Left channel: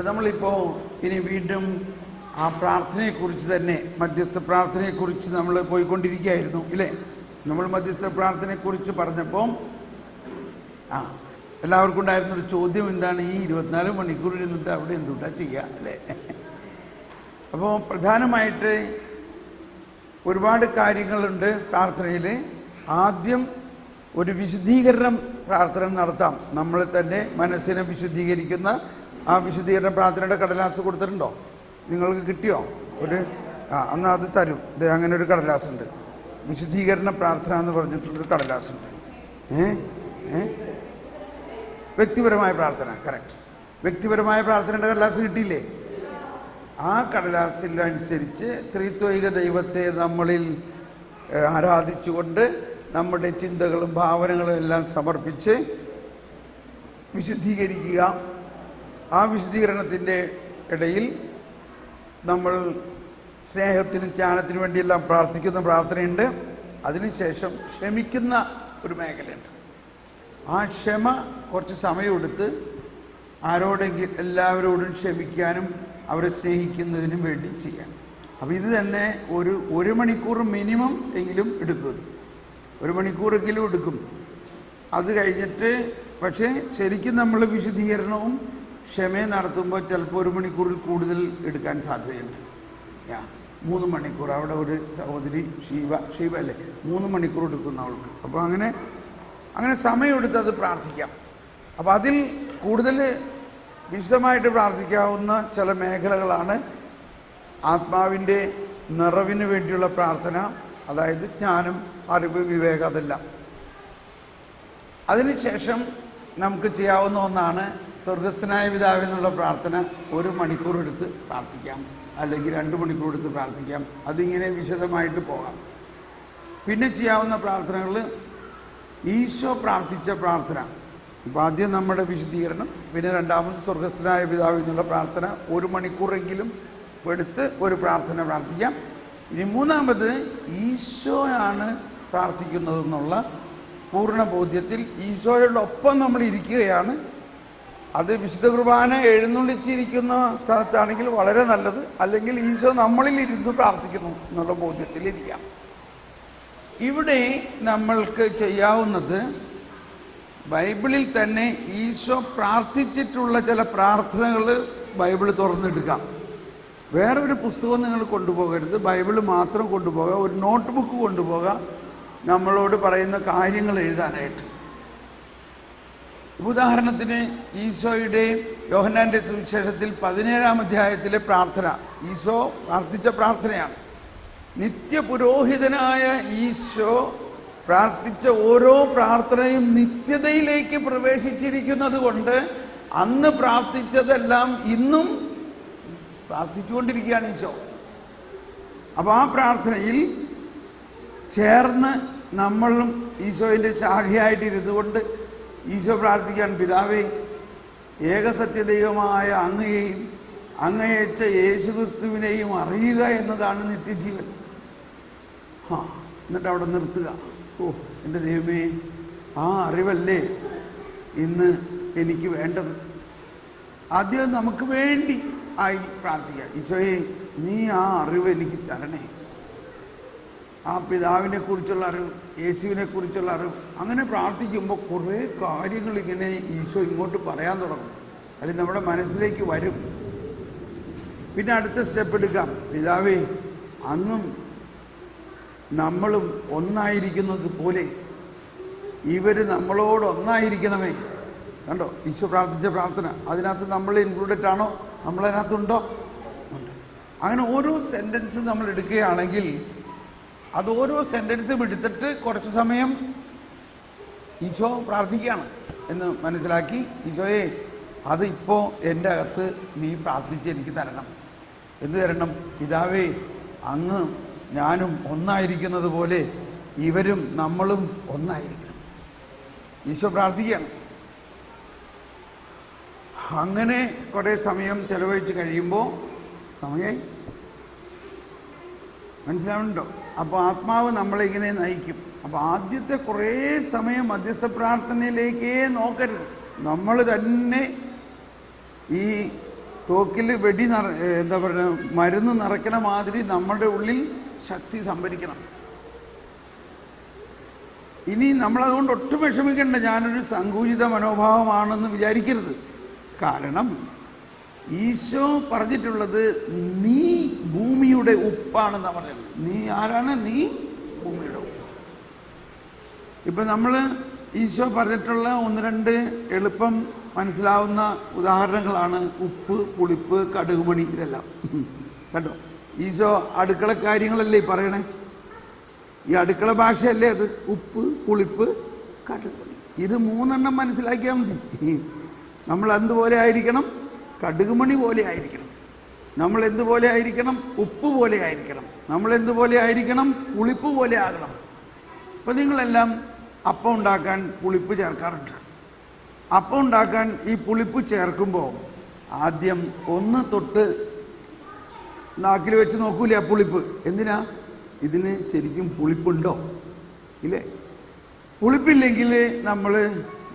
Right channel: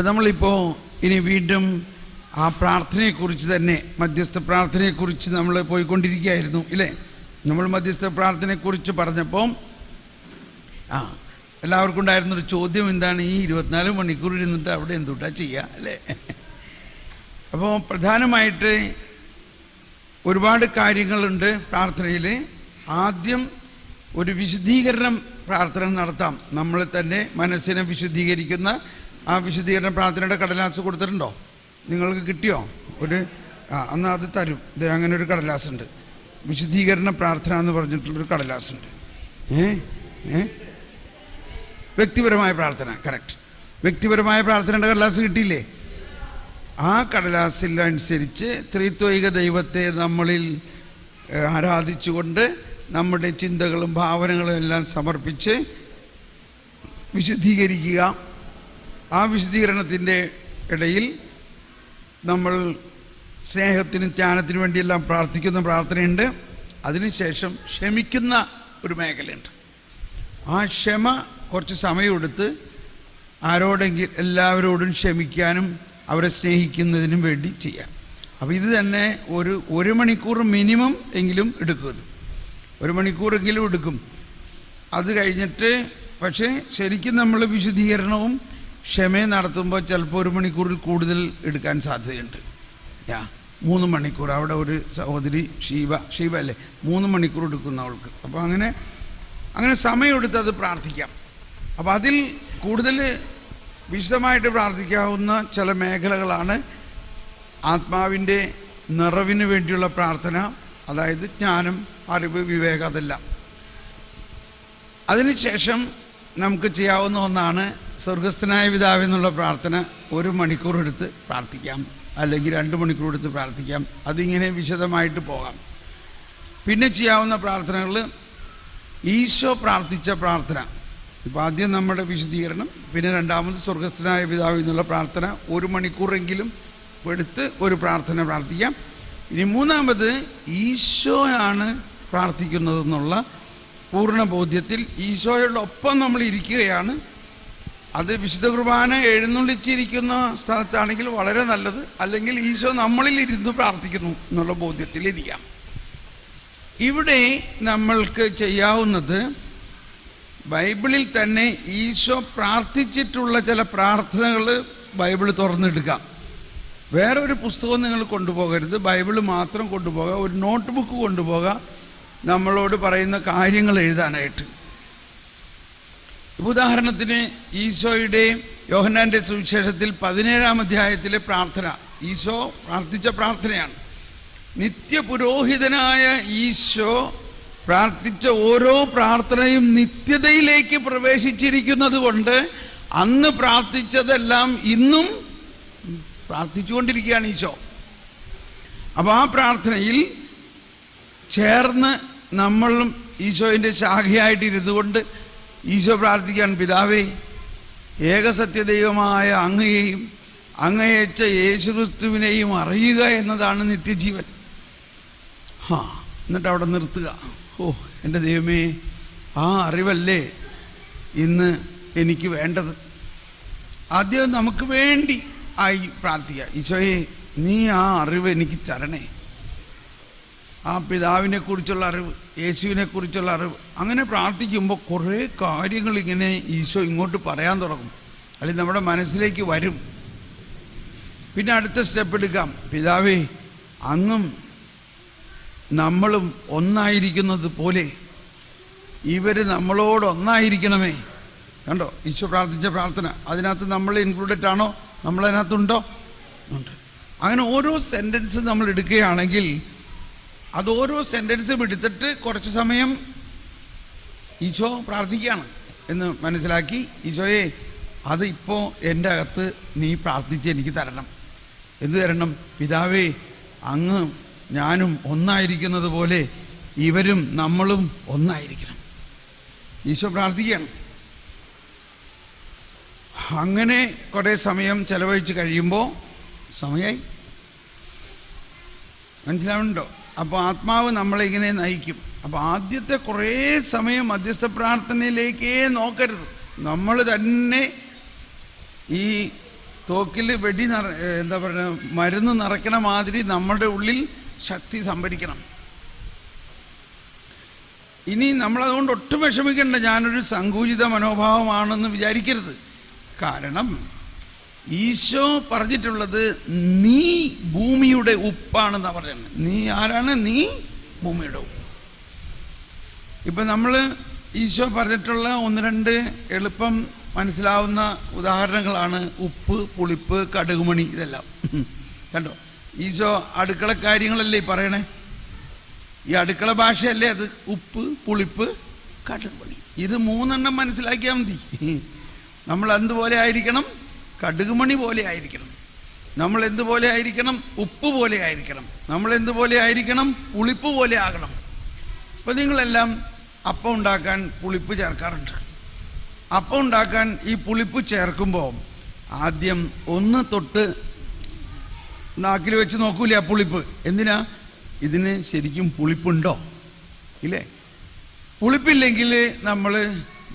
ഇപ്പം നമ്മളിപ്പോൾ ഇനി വീണ്ടും ആ പ്രാർത്ഥനയെക്കുറിച്ച് തന്നെ, മധ്യസ്ഥ പ്രാർത്ഥനയെക്കുറിച്ച് നമ്മൾ പോയിക്കൊണ്ടിരിക്കുകയായിരുന്നു ഇല്ലേ? നമ്മൾ മധ്യസ്ഥ പ്രാർത്ഥനയെക്കുറിച്ച് പറഞ്ഞപ്പോൾ എല്ലാവർക്കും ഉണ്ടായിരുന്നൊരു ചോദ്യം എന്താണ്, ഈ 24 മണിക്കൂർ ഇരുന്നിട്ട് അവിടെ എന്തുട്ടാ ചെയ്യുക അല്ലേ? അപ്പോൾ പ്രധാനമായിട്ട് ഒരുപാട് കാര്യങ്ങളുണ്ട് പ്രാർത്ഥനയിൽ. ആദ്യം ഒരു വിശുദ്ധീകരണം പ്രാർത്ഥന നടത്താം. നമ്മൾ തന്നെ മനസ്സിനെ വിശുദ്ധീകരിക്കുന്ന ആ വിശുദ്ധീകരണ പ്രാർത്ഥനയുടെ കടലാസ് കൊടുത്തിട്ടുണ്ടോ? നിങ്ങൾക്ക് കിട്ടിയോ? എന്നാൽ അത് തരും. ഇത് അങ്ങനെ ഒരു കടലാസുണ്ട്, വിശുദ്ധീകരണ പ്രാർത്ഥന എന്ന് പറഞ്ഞിട്ടുള്ളൊരു കടലാസുണ്ട്. വ്യക്തിപരമായ പ്രാർത്ഥന, കറക്റ്റ്. വ്യക്തിപരമായ പ്രാർത്ഥനയുടെ കടലാസ് കിട്ടിയില്ലേ? ആ കടലാസിൽ അനുസരിച്ച് ത്രിത്വൈക ദൈവത്തെ നമ്മളിൽ ആരാധിച്ചുകൊണ്ട് നമ്മുടെ ചിന്തകളും ഭാവനകളും എല്ലാം സമർപ്പിച്ച് വിശുദ്ധീകരിക്കുക. ആ വിശുദ്ധീകരണത്തിൻ്റെ ഇടയിൽ നമ്മൾ സ്നേഹത്തിനും ജ്ഞാനത്തിനും വേണ്ടിയെല്ലാം പ്രാർത്ഥിക്കുന്ന പ്രാർത്ഥനയുണ്ട്. അതിനുശേഷം ക്ഷമിക്കുന്ന ഒരു മേഖലയുണ്ട്. ആ ക്ഷമ കുറച്ച് സമയമെടുത്ത് ആരോടെങ്കിലും എല്ലാവരോടും ക്ഷമിക്കാനും അവരെ സ്നേഹിക്കുന്നതിനും വേണ്ടി ചെയ്യാം. അപ്പോൾ ഇത് തന്നെ ഒരു മണിക്കൂർ മിനിമം എങ്കിലും എടുക്കും. ഇത് 1 മണിക്കൂറെങ്കിലും എടുക്കും. അത് കഴിഞ്ഞിട്ട് പക്ഷേ ശരിക്കും നമ്മൾ വിശുദ്ധീകരണവും ക്ഷമയും നടത്തുമ്പോൾ ചിലപ്പോൾ 1 മണിക്കൂറിൽ കൂടുതൽ എടുക്കാൻ സാധ്യതയുണ്ട്. 3 മണിക്കൂർ. അവിടെ ഒരു സഹോദരി ഷീബ അല്ലേ, 3 മണിക്കൂർ എടുക്കുന്ന അവൾക്ക്. അപ്പോൾ അങ്ങനെ സമയമെടുത്ത് അത് പ്രാർത്ഥിക്കാം. അപ്പോൾ അതിൽ കൂടുതൽ വിശദമായിട്ട് പ്രാർത്ഥിക്കാവുന്ന ചില മേഖലകളാണ് ആത്മാവിൻ്റെ നിറവിന് വേണ്ടിയുള്ള പ്രാർത്ഥന, അതായത് ജ്ഞാനം, അറിവ്, വിവേകം, അതെല്ലാം. അതിനുശേഷം നമുക്ക് ചെയ്യാവുന്ന ഒന്നാണ് സ്വർഗസ്ഥനായ പിതാവേ എന്നുള്ള പ്രാർത്ഥന. 1 മണിക്കൂർ എടുത്ത് പ്രാർത്ഥിക്കാം, അല്ലെങ്കിൽ 2 മണിക്കൂർ എടുത്ത് പ്രാർത്ഥിക്കാം. അതിങ്ങനെ വിശദമായിട്ട് പോകാം. പിന്നെ ചെയ്യാവുന്ന പ്രാർത്ഥനകൾ ഈശോ പ്രാർത്ഥിച്ച പ്രാർത്ഥന. ഇപ്പോൾ ആദ്യം നമ്മുടെ വിശുദ്ധീകരണം, പിന്നെ രണ്ടാമത് സ്വർഗസ്ഥനായ പിതാവ് എന്നുള്ള പ്രാർത്ഥന 1 മണിക്കൂറെങ്കിലും എടുത്ത് ഒരു പ്രാർത്ഥന പ്രാർത്ഥിക്കാം. ഇനി മൂന്നാമത് ഈശോയാണ് പ്രാർത്ഥിക്കുന്നതെന്നുള്ള പൂർണ്ണ ബോധ്യത്തിൽ ഈശോയോടൊപ്പം നമ്മൾ ഇരിക്കുകയാണ്. അത് വിശുദ്ധ കുർബാന എഴുന്നള്ളിച്ചിരിക്കുന്ന സ്ഥലത്താണെങ്കിൽ വളരെ നല്ലത്, അല്ലെങ്കിൽ ഈശോ നമ്മളിൽ ഇരുന്ന് പ്രാർത്ഥിക്കുന്നു എന്നുള്ള ബോധ്യത്തിലിരിക്കാം. ഇവിടെ നമ്മൾക്ക് ചെയ്യാവുന്നത് ബൈബിളിൽ തന്നെ ഈശോ പ്രാർത്ഥിച്ചിട്ടുള്ള ചില പ്രാർത്ഥനകൾ ബൈബിൾ തുറന്നെടുക്കാം. വേറൊരു പുസ്തകം നിങ്ങൾ കൊണ്ടുപോകരുത്, ബൈബിൾ മാത്രം കൊണ്ടുപോകുക. ഒരു നോട്ട് ബുക്ക് കൊണ്ടുപോകുക, നമ്മളോട് പറയുന്ന കാര്യങ്ങൾ എഴുതാനായിട്ട്. ഉദാഹരണത്തിന് ഈശോയുടെ യോഹന്നാൻ്റെ സുവിശേഷത്തിൽ 17-ാം അധ്യായത്തിലെ പ്രാർത്ഥന ഈശോ പ്രാർത്ഥിച്ച പ്രാർത്ഥനയാണ്. നിത്യപുരോഹിതനായ ഈശോ പ്രാർത്ഥിച്ച ഓരോ പ്രാർത്ഥനയും നിത്യതയിലേക്ക് പ്രവേശിച്ചിരിക്കുന്നത് കൊണ്ട് അന്ന് പ്രാർത്ഥിച്ചതെല്ലാം ഇന്നും പ്രാർത്ഥിച്ചുകൊണ്ടിരിക്കുകയാണ് ഈശോ. അപ്പോൾ ആ പ്രാർത്ഥനയിൽ ചേർന്ന് നമ്മളും ഈശോയുടെ ശാഖയായിട്ടിരുന്നു കൊണ്ട് ഈശോ പ്രാർത്ഥിക്കാൻ, പിതാവേ, ഏകസത്യദൈവമായ അങ്ങയെയും അങ്ങയച്ച യേശുക്രിസ്തുവിനെയും അറിയുക എന്നതാണ് നിത്യജീവൻ. എന്നിട്ട് അവിടെ നിർത്തുക. എൻ്റെ ദൈവമേ, ആ അറിവല്ലേ ഇന്ന് എനിക്ക് വേണ്ടത്. ആദ്യം നമുക്ക് വേണ്ടി ആയി പ്രാർത്ഥിക്കുക. ഈശോയെ, നീ ആ അറിവ് എനിക്ക് തരണേ. ആ പിതാവിനെക്കുറിച്ചുള്ള അറിവ്, യേശുവിനെക്കുറിച്ചുള്ള അറിവ്. അങ്ങനെ പ്രാർത്ഥിക്കുമ്പോൾ കുറേ കാര്യങ്ങൾ ഇങ്ങനെ ഈശോ ഇങ്ങോട്ട് പറയാൻ തുടങ്ങും, അല്ലെങ്കിൽ നമ്മുടെ മനസ്സിലേക്ക് വരും. പിന്നെ അടുത്ത സ്റ്റെപ്പ് എടുക്കാം. പിതാവേ, അങ്ങും നമ്മളും ഒന്നായിരിക്കുന്നത് പോലെ ഇവർ നമ്മളോട് ഒന്നായിരിക്കണമേ. കണ്ടോ ഈശോ പ്രാർത്ഥിച്ച പ്രാർത്ഥന? അതിനകത്ത് നമ്മൾ ഇൻക്ലൂഡഡ് ആണോ? നമ്മളതിനകത്തുണ്ടോ? ഉണ്ട്. അങ്ങനെ ഓരോ സെൻറ്റൻസ് നമ്മൾ എടുക്കുകയാണെങ്കിൽ അത് ഓരോ സെൻറ്റൻസും എടുത്തിട്ട് കുറച്ച് സമയം ഈശോ പ്രാർത്ഥിക്കുകയാണ് എന്ന് മനസ്സിലാക്കി, ഈശോയെ, അത് ഇപ്പോൾ എൻ്റെ അകത്ത് നീ പ്രാർത്ഥിച്ച് എനിക്ക് തരണം. എന്ത് തരണം? പിതാവേ, അങ്ങ് ഞാനും ഒന്നായിരിക്കുന്നത് പോലെ ഇവരും നമ്മളും ഒന്നായിരിക്കണം. ഈശോ പ്രാർത്ഥിക്കുകയാണ്. അങ്ങനെ കുറേ സമയം ചെലവഴിച്ച് കഴിയുമ്പോൾ സമയമായി. മനസ്സിലാവുന്നുണ്ടോ? അപ്പോൾ ആത്മാവ് നമ്മളിങ്ങനെ നയിക്കും. അപ്പോൾ ആദ്യത്തെ കുറേ സമയം മധ്യസ്ഥ പ്രാർത്ഥനയിലേക്കേ നോക്കരുത്. നമ്മൾ തന്നെ ഈ തോക്കിൽ എന്താ പറയുക, മരുന്ന് നിറയ്ക്കണ മാതിരി നമ്മുടെ ഉള്ളിൽ ശക്തി സംഭരിക്കണം. ഇനി നമ്മളതുകൊണ്ട് ഒട്ടും വിഷമിക്കേണ്ട, ഞാനൊരു സങ്കുചിത മനോഭാവമാണെന്ന് വിചാരിക്കരുത്. കാരണം ഈശോ പറഞ്ഞിട്ടുള്ളത് നീ ഭൂമിയുടെ ഉപ്പാണെന്നാണ് പറയുന്നത്. നീ ആരാണ്? നീ ഭൂമിയുടെ ഉപ്പ്. ഇപ്പം നമ്മൾ ഈശോ പറഞ്ഞിട്ടുള്ള ഒന്ന് രണ്ട് എളുപ്പം മനസ്സിലാവുന്ന ഉദാഹരണങ്ങളാണ് ഉപ്പ്, പുളിപ്പ്, കടുകുമണി, ഇതെല്ലാം. കണ്ടോ, ഈശോ അടുക്കള കാര്യങ്ങളല്ലേ പറയണേ? ഈ അടുക്കള ഭാഷയല്ലേ അത്? ഉപ്പ്, പുളിപ്പ്, കടുകുമണി, ഇത് മൂന്നെണ്ണം മനസ്സിലാക്കിയാൽ മതി. നമ്മൾ എന്തുപോലെ ആയിരിക്കണം? കടുകുമണി പോലെ ആയിരിക്കണം. നമ്മൾ എന്തുപോലെ ആയിരിക്കണം? ഉപ്പ് പോലെ ആയിരിക്കണം. നമ്മൾ എന്തുപോലെ ആയിരിക്കണം? പുളിപ്പ് പോലെ ആകണം. അപ്പോൾ നിങ്ങളെല്ലാം അപ്പം ഉണ്ടാക്കാൻ പുളിപ്പ് ചേർക്കാറുണ്ട്. അപ്പം ഉണ്ടാക്കാൻ ഈ പുളിപ്പ് ചേർക്കുമ്പോൾ ആദ്യം ഒന്ന് തൊട്ട് നാക്കിൽ വെച്ച് നോക്കൂലേ ആ പുളിപ്പ്? എന്തിനാ? ഇതിന് ശരിക്കും പുളിപ്പുണ്ടോ ഇല്ലേ? പുളിപ്പില്ലെങ്കിൽ നമ്മൾ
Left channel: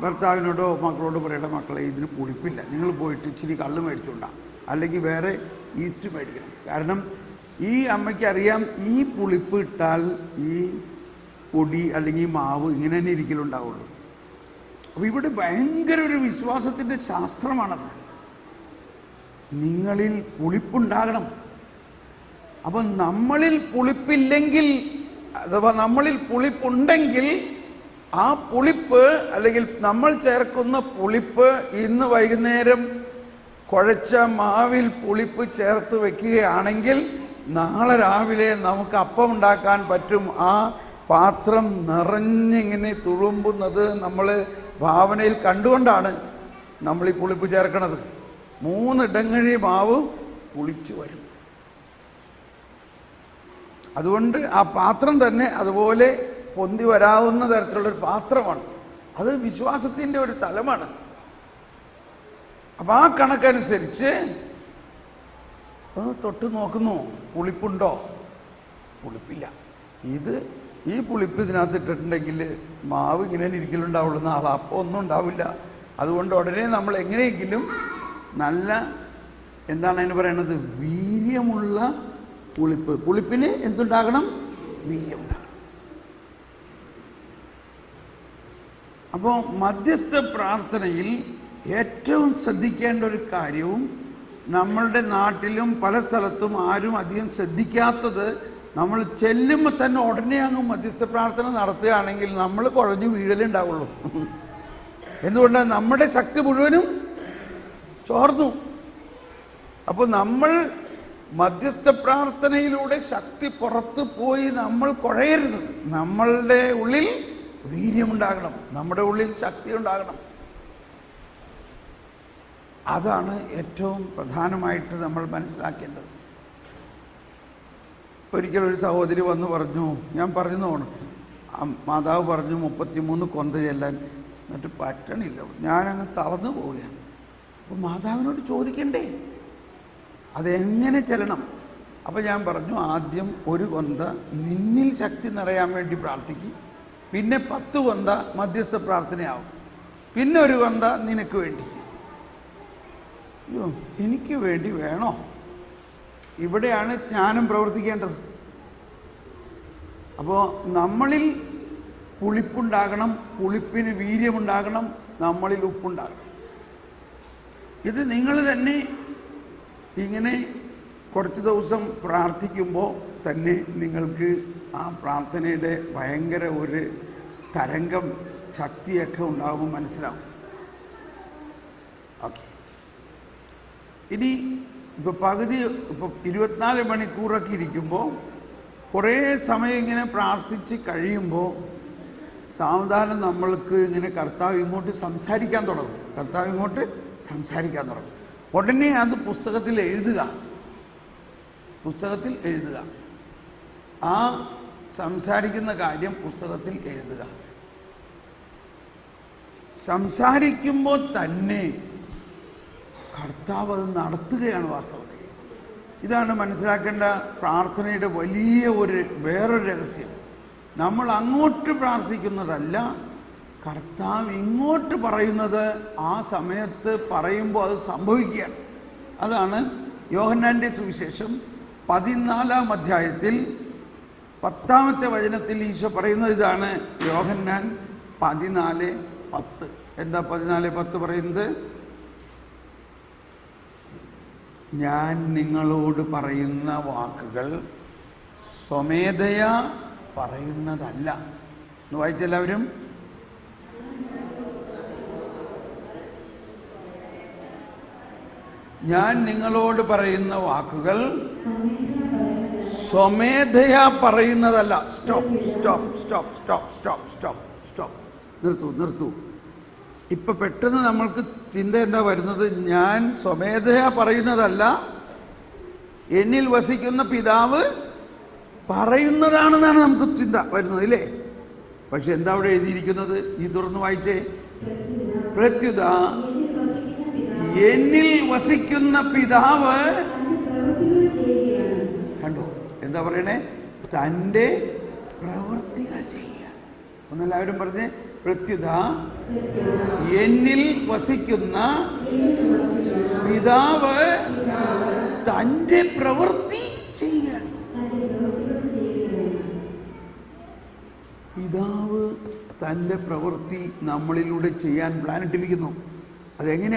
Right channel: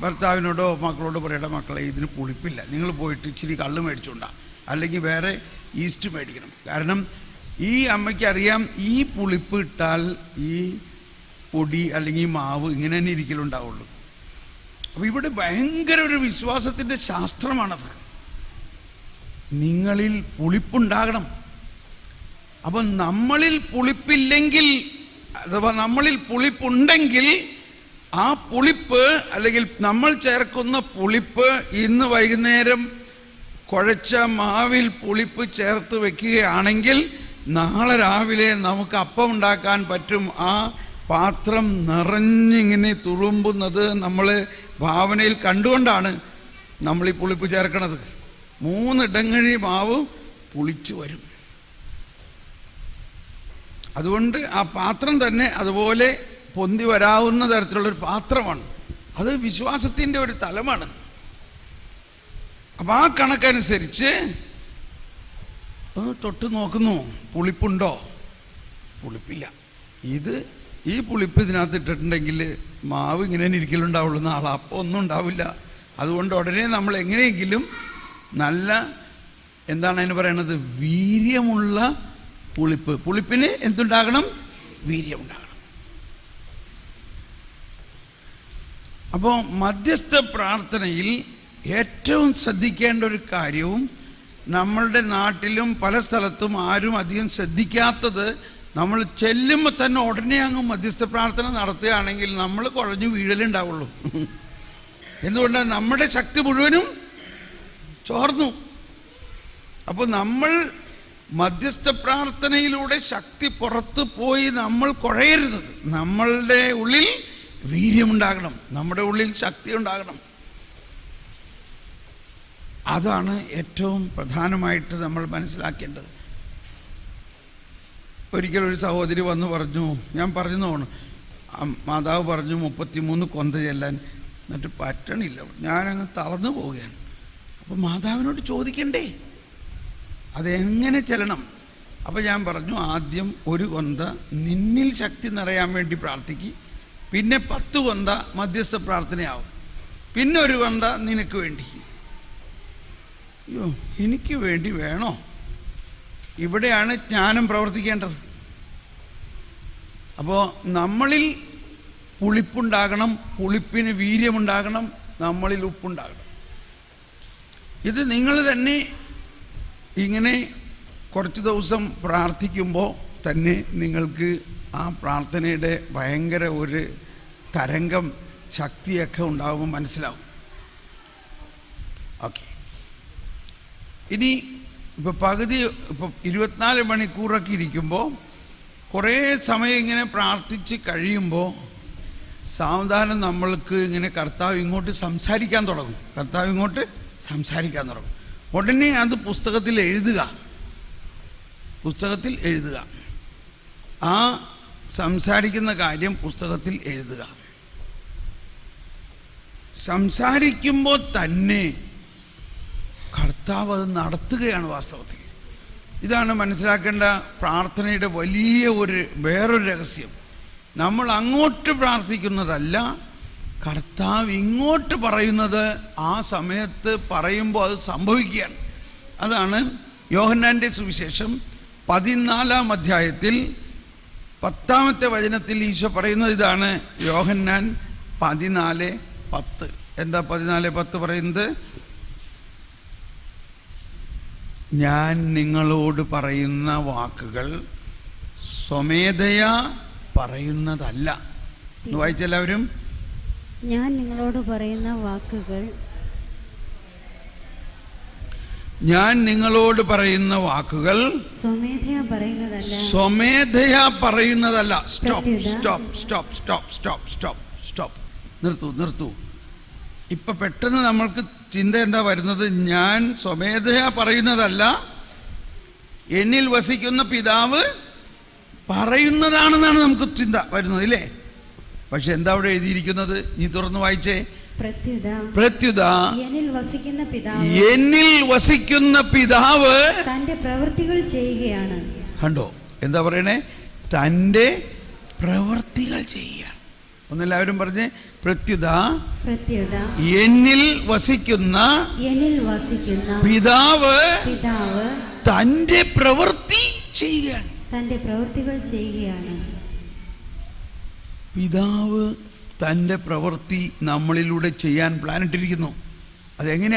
ഭർത്താവിനോടോ മക്കളോടോ പറയട്ടെ, മക്കളെ ഇതിന് പുളിപ്പില്ല, നിങ്ങൾ പോയിട്ട് ഇച്ചിരി കള്ള് മേടിച്ചുകൊണ്ടാ, അല്ലെങ്കിൽ വേറെ ഈസ്റ്റ് മേടിക്കണം. കാരണം ഈ അമ്മയ്ക്ക് അറിയാം ഈ പുളിപ്പ് ഇട്ടാൽ ഈ പൊടി അല്ലെങ്കിൽ മാവ് ഇങ്ങനെ തന്നെ ഇരിക്കലുണ്ടാവുള്ളൂ. അപ്പോൾ ഇവിടെ ഭയങ്കര ഒരു വിശ്വാസത്തിൻ്റെ ശാസ്ത്രമാണത്. നിങ്ങളിൽ പുളിപ്പുണ്ടാകണം. അപ്പം നമ്മളിൽ പുളിപ്പില്ലെങ്കിൽ, അഥവാ നമ്മളിൽ പുളിപ്പുണ്ടെങ്കിൽ ആ പുളിപ്പ് അല്ലെങ്കിൽ നമ്മൾ ചേർക്കുന്ന പുളിപ്പ് ഇന്ന് വൈകുന്നേരം കുഴച്ച മാവിൽ പുളിപ്പ് ചേർത്ത് വെക്കുകയാണെങ്കിൽ നാളെ രാവിലെ നമുക്ക് അപ്പം ഉണ്ടാക്കാൻ പറ്റും. ആ പാത്രം നിറഞ്ഞിങ്ങനെ തുളുമ്പുന്നത് നമ്മൾ ഭാവനയിൽ കണ്ടുകൊണ്ടാണ് നമ്മൾ ഈ പുളിപ്പ് ചേർക്കണത്. 3 ഇടങ്ങഴി മാവ് പുളിച്ചു വരും. അതുകൊണ്ട് ആ പാത്രം തന്നെ അതുപോലെ പൊന്തി വരാവുന്ന തരത്തിലുള്ളൊരു പാത്രമാണ്. അത് വിശ്വാസത്തിൻ്റെ ഒരു തലമാണ്. അപ്പം ആ കണക്കനുസരിച്ച് തൊട്ട് നോക്കുന്നു, പുളിപ്പുണ്ടോ? പുളിപ്പില്ല. ഈ പുളിപ്പ് ഇതിനകത്ത് ഇട്ടിട്ടുണ്ടെങ്കിൽ മാവ് ഇങ്ങനെ ഇരിക്കലുണ്ടാവുള്ളൂ, നാളെ അപ്പം ഒന്നും ഉണ്ടാവില്ല. അതുകൊണ്ട് ഉടനെ നമ്മൾ എങ്ങനെയെങ്കിലും നല്ല, എന്താണ് അതിന് പറയണത്, വീര്യമുള്ള പുളിപ്പ്. പുളിപ്പിന് എന്തുണ്ടാകണം? വീര്യമുണ്ടാകണം. അപ്പോൾ മധ്യസ്ഥ പ്രാർത്ഥനയിൽ ഏറ്റവും ശ്രദ്ധിക്കേണ്ട ഒരു കാര്യവും നമ്മളുടെ നാട്ടിലും പല സ്ഥലത്തും ആരും അധികം ശ്രദ്ധിക്കാത്തത്, നമ്മൾ ചെല്ലുമ്പോൾ തന്നെ ഉടനെ അങ്ങ് മധ്യസ്ഥ പ്രാർത്ഥന നടത്തുകയാണെങ്കിൽ നമ്മൾ കുഴഞ്ഞു വീഴലുണ്ടാവുള്ളൂ. എന്തുകൊണ്ടാണ്? നമ്മുടെ ശക്തി മുഴുവനും ചോർന്നു. അപ്പോൾ നമ്മൾ മധ്യസ്ഥ പ്രാർത്ഥനയിലൂടെ ശക്തി പുറത്ത് പോയി നമ്മൾ കുഴയരുത്. നമ്മളുടെ ഉള്ളിൽ വീര്യമുണ്ടാകണം, നമ്മുടെ ഉള്ളിൽ ശക്തി ഉണ്ടാകണം. അതാണ് ഏറ്റവും പ്രധാനമായിട്ട് നമ്മൾ മനസ്സിലാക്കേണ്ടത്. ഒരിക്കലൊരു സഹോദരി വന്ന് പറഞ്ഞു, ഞാൻ പറഞ്ഞു തോന്നുന്നു, മാതാവ് പറഞ്ഞു 33 കൊന്ത ചെല്ലാൻ, എന്നിട്ട് പറ്റണില്ല, ഞാനങ്ങ് തളർന്നു പോവുകയാണ്. അപ്പോൾ മാതാവിനോട് ചോദിക്കണ്ടേ അതെങ്ങനെ ചെല്ലണം? അപ്പോൾ ഞാൻ പറഞ്ഞു, ആദ്യം 1 കൊന്ത നിന്നിൽ ശക്തി നിറയാൻ വേണ്ടി പ്രാർത്ഥിക്കും, പിന്നെ 10 കൊന്ത മധ്യസ്ഥ പ്രാർത്ഥനയാവും, പിന്നെ 1 കൊന്ത നിനക്ക് വേണ്ടി. അയ്യോ, എനിക്ക് വേണ്ടി വേണോ? ഇവിടെയാണ് ജ്ഞാനം പ്രവർത്തിക്കേണ്ടത്. അപ്പോൾ നമ്മളിൽ പുളിപ്പുണ്ടാകണം, പുളിപ്പിന് വീര്യമുണ്ടാകണം, നമ്മളിൽ ഉപ്പുണ്ടാകണം. ഇത് നിങ്ങൾ തന്നെ ഇങ്ങനെ കുറച്ച് ദിവസം പ്രാർത്ഥിക്കുമ്പോൾ തന്നെ നിങ്ങൾക്ക് ആ പ്രാർത്ഥനയുടെ ഭയങ്കര ഒരു തരംഗം, ശക്തിയൊക്കെ ഉണ്ടാകുമ്പോൾ മനസ്സിലാവും. ഓക്കെ, ഇനി ഇപ്പോൾ പകുതി, ഇപ്പോൾ 24 മണിക്കൂറൊക്കെ ഇരിക്കുമ്പോൾ കുറേ സമയം ഇങ്ങനെ പ്രാർത്ഥിച്ച് കഴിയുമ്പോൾ സാവധാനം നമ്മൾക്ക് ഇങ്ങനെ കർത്താവ് ഇങ്ങോട്ട് സംസാരിക്കാൻ തുടങ്ങും. ഉടനെ അത് പുസ്തകത്തിൽ എഴുതുക. ആ സംസാരിക്കുന്ന കാര്യം പുസ്തകത്തിൽ എഴുതുക. സംസാരിക്കുമ്പോൾ തന്നെ കർത്താവ് അത് നടത്തുകയാണ് വാസ്തവത്തിൽ. ഇതാണ് മനസ്സിലാക്കേണ്ട പ്രാർത്ഥനയുടെ വലിയ വേറൊരു രഹസ്യം. നമ്മൾ അങ്ങോട്ട് പ്രാർത്ഥിക്കുന്നതല്ല, കർത്താവ് ഇങ്ങോട്ട് പറയുന്നത് ആ സമയത്ത് പറയുമ്പോൾ അത് സംഭവിക്കുകയാണ്. അതാണ് യോഹന്നാൻ്റെ സുവിശേഷം 14-ാം അധ്യായത്തിൽ 10-ാമത്തെ വചനത്തിൽ ഈശോ പറയുന്നത് ഇതാണ്. യോഹന്നാൻ 14:10. എന്താ 14:10 പറയുന്നത്? ഞാൻ നിങ്ങളോട് പറയുന്ന വാക്കുകൾ സ്വമേധയാ പറയുന്നതല്ല. വായിച്ചെല്ലാവരും. ഞാൻ നിങ്ങളോട് പറയുന്ന വാക്കുകൾ സ്വമേധയാ പറയുന്നതല്ല. സ്റ്റോപ്പ്. നിർത്തൂ. ഇപ്പൊ പെട്ടെന്ന് നമ്മൾക്ക് ചിന്ത എന്താ വരുന്നത്? ഞാൻ സ്വമേധയാ പറയുന്നതല്ല, എന്നിൽ വസിക്കുന്ന പിതാവ് പറയുന്നതാണെന്നാണ് നമുക്ക് ചിന്ത വരുന്നത്, ഇല്ലേ? പക്ഷെ എന്താ അവിടെ എഴുതിയിരിക്കുന്നത്? ഈ തുറന്ന് വായിച്ചേ. പ്രത്യുത എന്നിൽ വസിക്കുന്ന പിതാവ് തന്റെ പ്രവൃത്തികൾ ചെയ്യുകയാണ്. കണ്ടോ എന്താ പറയണേ? തൻ്റെ പ്രവൃത്തികൾ ചെയ്യുകയാണ്. ഒന്നെല്ലാവരും പറഞ്ഞേ. പ്രത്യുത എന്നിൽ വസിക്കുന്ന പിതാവ് തൻ്റെ പ്രവൃത്തി ചെയ്യുകയാണ്. പിതാവ് തൻ്റെ പ്രവൃത്തി നമ്മളിലൂടെ ചെയ്യാൻ പ്ലാനിട്ടിരിക്കുന്നു. അതെങ്ങനെ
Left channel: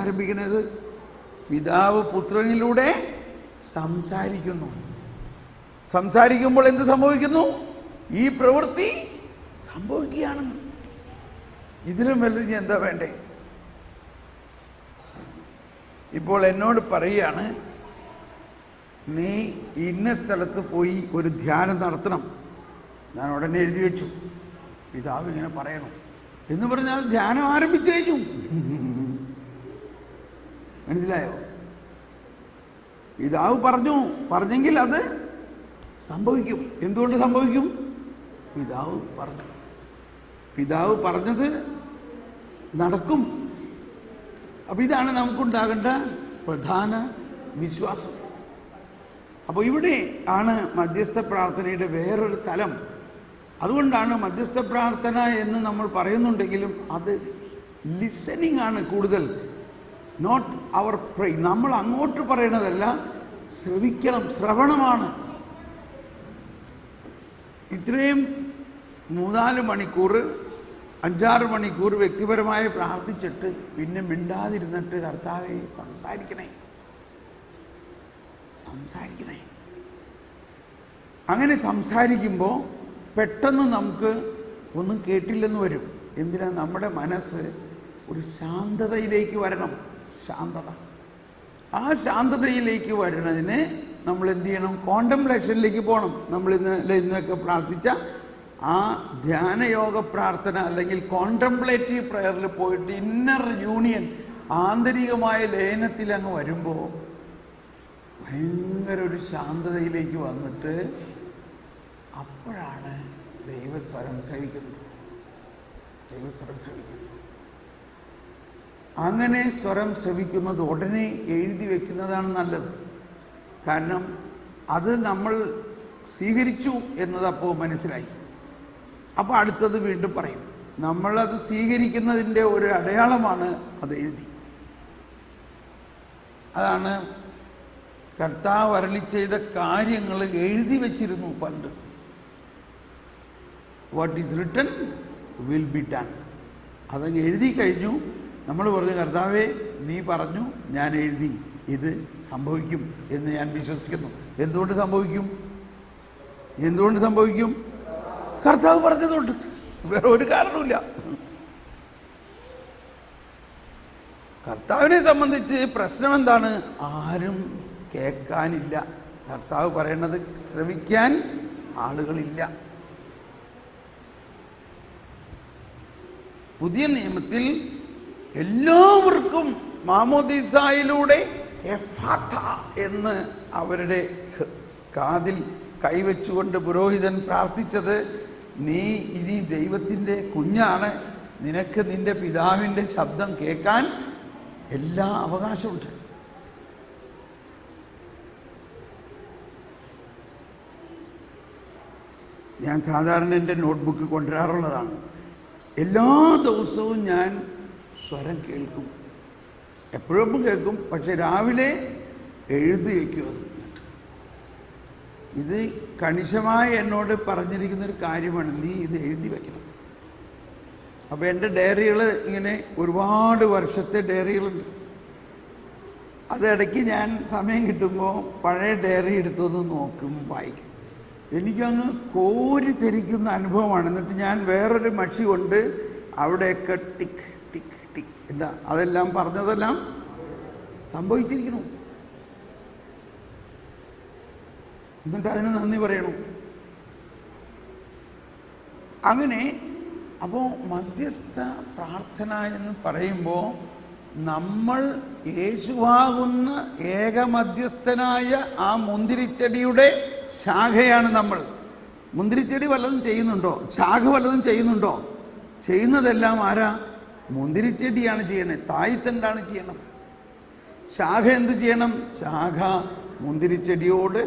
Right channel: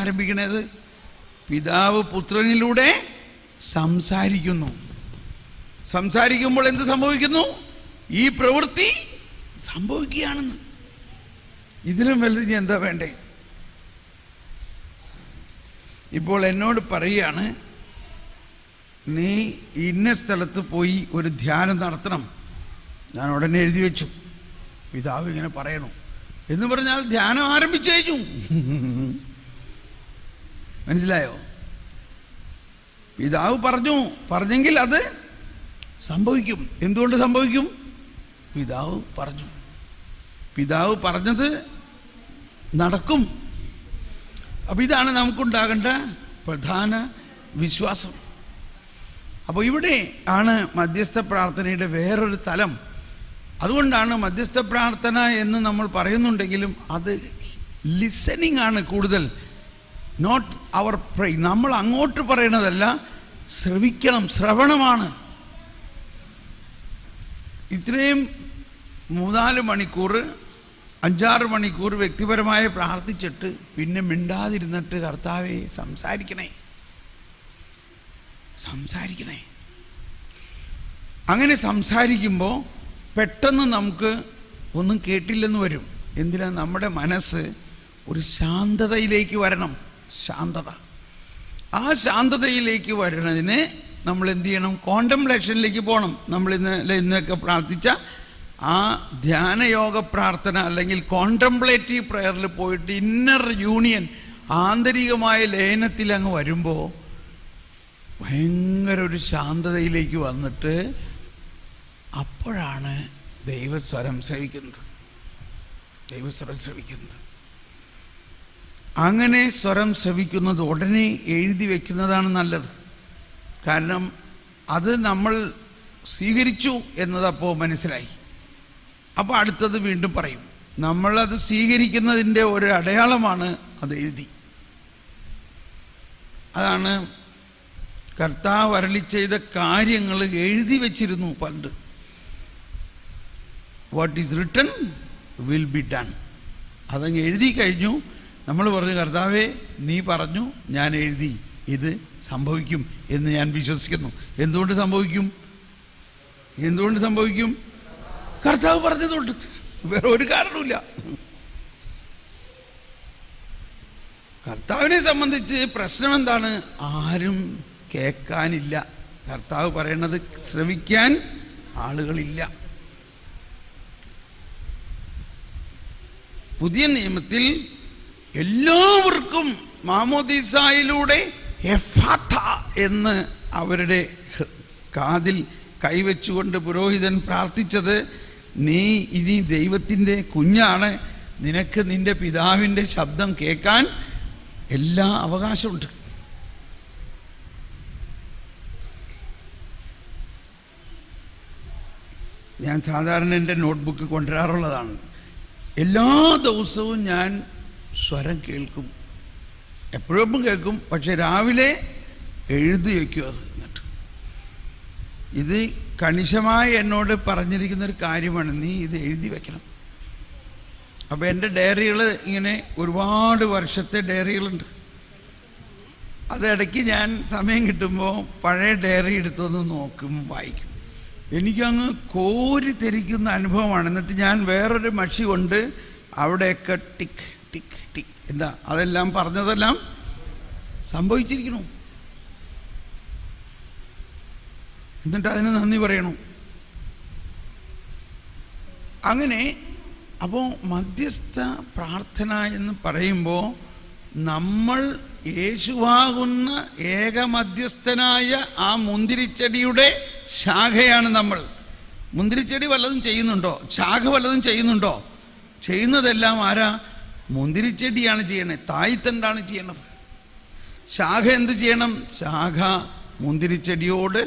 ആരംഭിക്കണത്? പിതാവ് പുത്രനിലൂടെ സംസാരിക്കുമ്പോൾ എന്ത് സംഭവിക്കുന്നു? ഈ പ്രവൃത്തി സംഭവിക്കുകയാണെന്ന്. ഇതിലും വലുത് ഇനി എന്താ വേണ്ടേ? ഇപ്പോൾ എന്നോട് പറയുകയാണ്, നീ ഇന്ന സ്ഥലത്ത് പോയി ഒരു ധ്യാനം നടത്തണം. ഞാൻ ഉടനെ എഴുതി വെച്ചു, പിതാവ് ഇങ്ങനെ പറയണം എന്ന് പറഞ്ഞാൽ ധ്യാനം ആരംഭിച്ചു കഴിഞ്ഞു. മനസ്സിലായോ? പിതാവ് പറഞ്ഞെങ്കിൽ അത് സംഭവിക്കും. എന്തുകൊണ്ട് സംഭവിക്കും? പിതാവ് പറഞ്ഞത് നടക്കും. അപ്പം ഇതാണ് നമുക്കുണ്ടാകേണ്ട പ്രധാന വിശ്വാസം. അപ്പോൾ ഇവിടെ ആണ് മധ്യസ്ഥ പ്രാർത്ഥനയുടെ വേറൊരു തലം. അതുകൊണ്ടാണ് മധ്യസ്ഥ പ്രാർത്ഥന എന്ന് നമ്മൾ പറയുന്നുണ്ടെങ്കിലും അത് ലിസണിങ് ആണ് കൂടുതൽ, നോട്ട് അവർ പ്രേ. നമ്മൾ അങ്ങോട്ട് പറയണതല്ല, ശ്രവണമാണ്. ഇത്രയും 3-4 മണിക്കൂർ 5-6 മണിക്കൂർ വ്യക്തിപരമായി പ്രാർത്ഥിച്ചിട്ട് പിന്നെ മിണ്ടാതിരുന്നിട്ട് കർത്താവേ സംസാരിക്കണേ. അങ്ങനെ സംസാരിക്കുമ്പോൾ പെട്ടെന്ന് നമുക്ക് ഒന്നും കേട്ടില്ലെന്ന് വരും. എന്തിനാ? നമ്മുടെ മനസ്സ് ഒരു ശാന്തതയിലേക്ക് വരണം. ആ ശാന്തതയിലേക്ക് വരുന്നതിന് നമ്മൾ എന്ത് ചെയ്യണം? കോണ്ടംപ്ലേഷനിലേക്ക് പോകണം. നമ്മൾ ഇന്നൊക്കെ പ്രാർത്ഥിച്ച ആ ധ്യാനയോഗ പ്രാർത്ഥന അല്ലെങ്കിൽ കോണ്ടംപ്ലേറ്റീവ് പ്രയറിൽ പോയിട്ട് ഇന്നർ യൂണിയൻ, ആന്തരികമായ ലയനത്തിൽ അങ്ങ് വരുമ്പോൾ ഭയങ്കര ഒരു ശാന്തതയിലേക്ക് വന്നിട്ട് അപ്പോഴാണ് ദൈവസ്വരം ശ്രവിക്കുന്നത്. അങ്ങനെ സ്വരം ശ്രവിക്കുന്നത് ഉടനെ എഴുതി വയ്ക്കുന്നതാണ് നല്ലത്. കാരണം അത് നമ്മൾ സ്വീകരിച്ചു എന്നതപ്പോൾ മനസ്സിലായി. അപ്പോൾ അടുത്തത് വീണ്ടും പറയും. നമ്മളത് സ്വീകരിക്കുന്നതിൻ്റെ ഒരു അടയാളമാണ് അത് എഴുതി. അതാണ് കർത്താവ് അരുളി ചെയ്ത കാര്യങ്ങൾ എഴുതി വച്ചിരുന്നു പണ്ട്. What is written will be done. അതങ്ങ് എഴുതി കഴിഞ്ഞു. നമ്മൾ പറഞ്ഞു, കർത്താവേ നീ പറഞ്ഞു, ഞാൻ എഴുതി, ഇത് സംഭവിക്കും എന്ന് ഞാൻ വിശ്വസിക്കുന്നു. എന്തുകൊണ്ട് സംഭവിക്കും? കർത്താവ് പറഞ്ഞതുകൊണ്ട്. വേറെ ഒരു കാരണവുമില്ല. കർത്താവിനെ സംബന്ധിച്ച് പ്രശ്നം എന്താണ്? ആരും കേൾക്കാനില്ല. കർത്താവ് പറയണത് ശ്രവിക്കാൻ ആളുകളില്ല. പുതിയ നിയമത്തിൽ എല്ലാവർക്കും മാമോദീസായിലൂടെ എഫാഥ എന്ന് അവരുടെ കാതിൽ കൈവച്ചുകൊണ്ട് പുരോഹിതൻ പ്രാർത്ഥിച്ചത്, നീ ഇനി ദൈവത്തിൻ്റെ കുഞ്ഞാണ്, നിനക്ക് നിൻ്റെ പിതാവിൻ്റെ ശബ്ദം കേൾക്കാൻ എല്ലാ അവകാശമുണ്ട്. ഞാൻ സാധാരണ എൻ്റെ നോട്ട്ബുക്ക് കൊണ്ടുവരാറുള്ളതാണ്. എല്ലാ ദിവസവും ഞാൻ സ്വരം കേൾക്കും. എപ്പോഴും കേൾക്കും, പക്ഷെ രാവിലെ എഴുതി വയ്ക്കും. അത് എന്നിട്ട് ഇത് കണിശമായി എന്നോട് പറഞ്ഞിരിക്കുന്നൊരു കാര്യമാണ്, നീ ഇത് എഴുതി വയ്ക്കണം. അപ്പോൾ എൻ്റെ ഡയറികൾ ഇങ്ങനെ ഒരുപാട് വർഷത്തെ ഡയറികളുണ്ട്. അതിടയ്ക്ക് ഞാൻ സമയം കിട്ടുമ്പോൾ പഴയ ഡയറി എടുത്തൊന്ന് നോക്കും, വായിക്കും. എനിക്കങ്ങ് കോരി തെരിക്കുന്ന അനുഭവമാണ്. എന്നിട്ട് ഞാൻ വേറൊരു മഷി കൊണ്ട് അവിടെയൊക്കെ ടിക്ക് ടിക്ക് ടിക്ക്, എന്താ അതെല്ലാം പറഞ്ഞതെല്ലാം സംഭവിച്ചിരിക്കണു. എന്നിട്ട് അതിന് നന്ദി പറയണു. അങ്ങനെ അപ്പോൾ മധ്യസ്ഥ പ്രാർത്ഥന എന്ന് പറയുമ്പോൾ നമ്മൾ യേശുവാകുന്ന ഏകമധ്യസ്ഥനായ ആ മുന്തിരിച്ചെടിയുടെ ശാഖയാണ് നമ്മൾ. മുന്തിരിച്ചെടി വല്ലതും ചെയ്യുന്നുണ്ടോ? ശാഖ വല്ലതും ചെയ്യുന്നുണ്ടോ? ചെയ്യുന്നതെല്ലാം ആരാ? മുന്തിരിച്ചെടിയാണ് ചെയ്യണേ, തായ്തണ്ടാണ് ചെയ്യണത്. ശാഖ എന്ത് ചെയ്യണം? ശാഖ മുന്തിരിച്ചെടിയോട്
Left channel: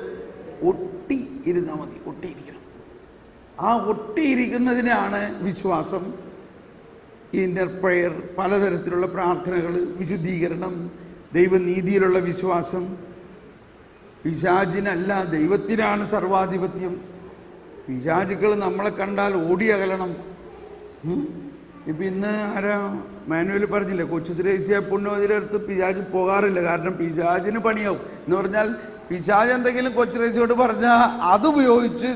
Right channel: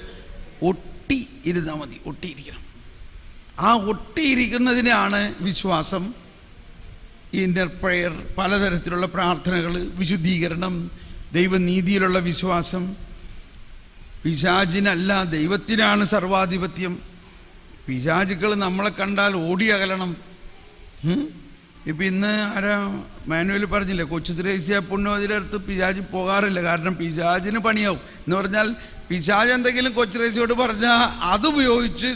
ഒട്ടി ഇരുന്നാൽ മതി, ഒട്ടിയിരിക്കണം. ആ ഒട്ടിയിരിക്കുന്നതിനാണ് വിശ്വാസം, ഇന്നർ പ്രയർ, പലതരത്തിലുള്ള പ്രാർത്ഥനകൾ, വിശുദ്ധീകരണം, ദൈവനീതിയിലുള്ള വിശ്വാസം. പിശാചിനല്ല, ദൈവത്തിനാണ് സർവാധിപത്യം. പിശാചുക്കൾ നമ്മളെ കണ്ടാൽ ഓടി അകലണം. ഇപ്പം ഇന്ന് ആരാ മാനുവൽ പറഞ്ഞില്ലേ, കൊച്ചു ത്രേസ്യ പുണ്യവതിയുടെ അടുത്ത് പിശാച് പോകാറില്ല, കാരണം പിശാചിന് പണിയാവും എന്ന് പറഞ്ഞാൽ പിശാച് എന്തെങ്കിലും കൊച്ചു ത്രേസ്യയോട് പറഞ്ഞാൽ അതുപയോഗിച്ച്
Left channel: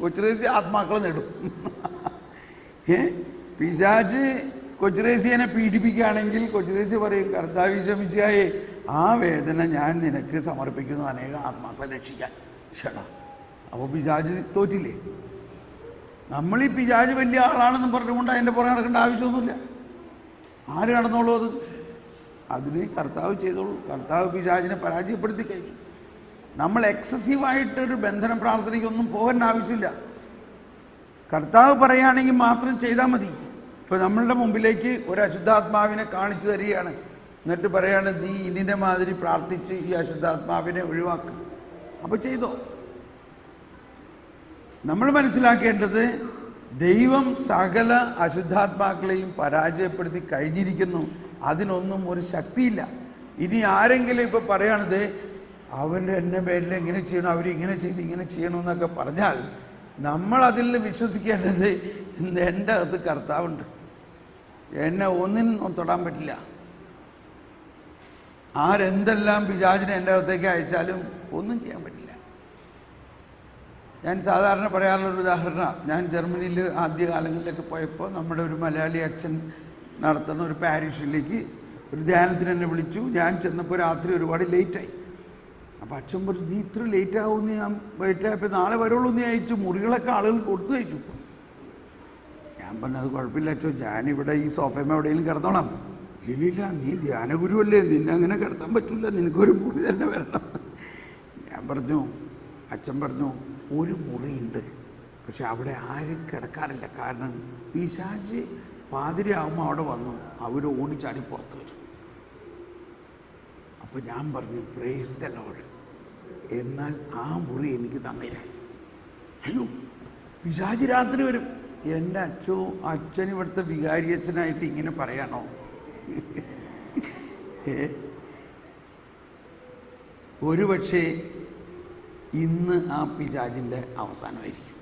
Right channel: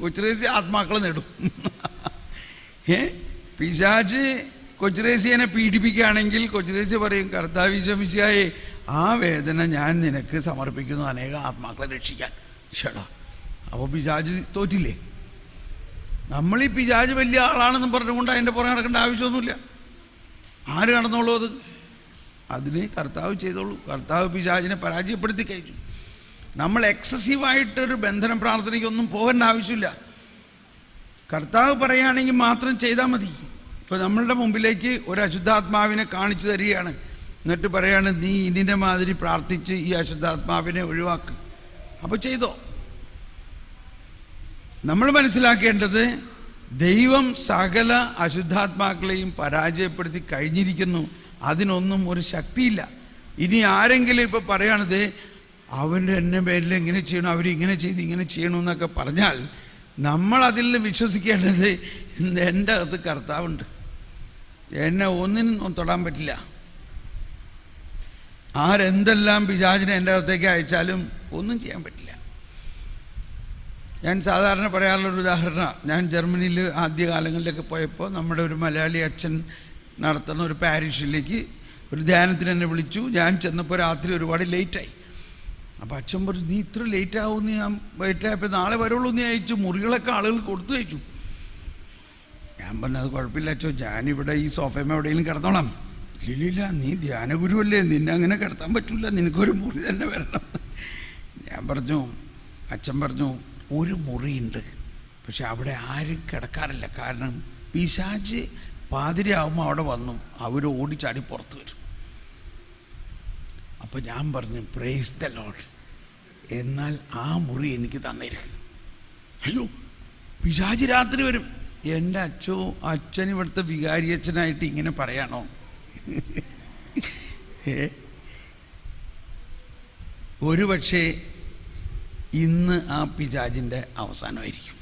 കൊച്ചു ത്രേസ്യ ആത്മാക്കളെ നേടും. പിശാച് കൊച്ചു ത്രേസ്യനെ പീഡിപ്പിക്കുകയാണെങ്കിൽ കൊച്ചു ത്രേസ്യ പറയും, കർത്താവ് ശമിച്ചായേ ആ വേദന ഞാൻ നിനക്ക് സമർപ്പിക്കുന്നു, അനേകം ആത്മാക്കളെ രക്ഷിക്കാൻ. ഷടാ, അപ്പോൾ പിശാച് തോറ്റില്ലേ? നമ്മൾ ഈ പിശാച് വലിയ ആളാണെന്ന് പറഞ്ഞുകൊണ്ട് അതിൻ്റെ പുറകെ നടക്കേണ്ട ആവശ്യമൊന്നുമില്ല. ആര് നടന്നോളൂ? അതിന് കർത്താവ് ചെയ്തോളൂ. കർത്താവ് പിശാചിനെ പരാജയപ്പെടുത്തി കഴിഞ്ഞു. നമ്മൾ എക്സസീവായിട്ടൊരു ബന്ധന പ്രാർത്ഥനയ്ക്കൊന്നും പോകേണ്ട ആവശ്യമില്ല. കർത്താവ് പറയുകയാണെങ്കിൽ മാത്രം ചെയ്താൽ മതി. ഇപ്പോൾ നമ്മളുടെ മുമ്പിലേക്ക് ഒരു അശുദ്ധാത്മാവിനെ കാണിച്ചു തരികയാണ്, എന്നിട്ട് പറയാണ്, നീ ഇന്നിൻ്റെ മാതിരി പ്രാർത്ഥിച്ച് ഈ അശുദ്ധാത്മാവിനെ ഒഴിവാക്കുക. അപ്പോൾ ചെയ്തോ. നമ്മൾ മനസ്സിലാക്കേണ്ടത്, ദൈവം സകല അശുദ്ധാത്മാക്കളെയും പരാജയപ്പെടുത്തി കഴിഞ്ഞിരിക്കുന്നു. അതിനൊന്നും ഒരു ശക്തിയില്ല. ഇനി ആരെങ്കിലും ഇപ്പോൾ പറയുകയാണത് അവൻ്റെ എന്നെ പേരിൽ എങ്ങനെ ചെയ്യണം, അവരിങ്ങനെ ചെയ്ത് ഇങ്ങനെ ചെയ്യണമെന്നൊക്കെ പറഞ്ഞാൽ നമ്മളതിൽ വിശ്വസിക്കേണ്ടത്, എൻ്റെ അകത്ത് കർത്താവുണ്ട്, എന്നെ ഒന്നിനും തൊടാൻ പറ്റില്ല. ആരെന്തെല്ലാം പിശാചിനെ എൻ്റെ അടുത്തേക്ക് അയച്ചാലും ഒന്നും ചെയ്യാൻ പറ്റില്ല. ഞാൻ സാധാരണ പറയാറുള്ളൊരു ഉദാഹരണം, ഞാൻ ജർമ്മനിയിൽ ആദ്യകാലങ്ങളിലൊക്കെ പോയപ്പോൾ നമ്മുടെ ഒരു മലയാളി അച്ഛൻ നടത്തുന്ന ഒരു പാരിഷിലേക്ക് ഒരു ധ്യാനത്തിന് എന്നെ വിളിച്ചു. ഞാൻ ചെന്നപ്പോൾ രാത്രി ഒരുപാട് ലേറ്റായി. അപ്പോൾ അച്ഛൻ പറഞ്ഞു, നീ ഇത്ര ലേറ്റ് ആവുമെന്ന്. ഞാൻ ലേറ്റായപ്പോൾ നാളെ വരുള്ളൂ എന്ന് അയച്ചു. മുറികളൊക്കെ ആളുകൾ കൊടുത്തു അയച്ചു. ഞാൻ പറഞ്ഞു, അത് കുഴപ്പമില്ല അച്ഛോ, ഞാനിവിടെ ഈ സോഫയമ എവിടെയെങ്കിലും കിടന്നോളാം. ഇല്ലില്ല, നീ ധ്യാനഗുരുവല്ലേ, നിന്നെ അങ്ങനെ കിടത്താൻ പറ്റില്ല, നിനക്കൊരു മുറി തന്നെ വരണം. ഞാൻ പറഞ്ഞു, അച്ഛൻ പറഞ്ഞു, ഒരു മുറിയുണ്ട്, പക്ഷെ അവിടെ ആരും കിടക്കാറില്ല. കാരണം പിശാച് പാതിരയാകുമ്പോൾ അവിടെ വന്നു അവർ ഓടിച്ചാടി പുറത്ത് വരും. അപ്പോൾ ഞാൻ പറഞ്ഞു, പ്രൈസ് ദ ലോർഡ്, എന്നാൽ ആ മുറി എനിക്ക് തന്നേരെ. അയ്യോ, പിശാച് രാത്രി വരും. എൻ്റെ അച്ഛൻ ഇവിടുത്തെ വികാരി അച്ഛനായിട്ട് ഇങ്ങനെ പറയാണോ? ഒരുപക്ഷെ ഇന്ന് ആ പിശാചിൻ്റെ അവസാനമായിരിക്കും.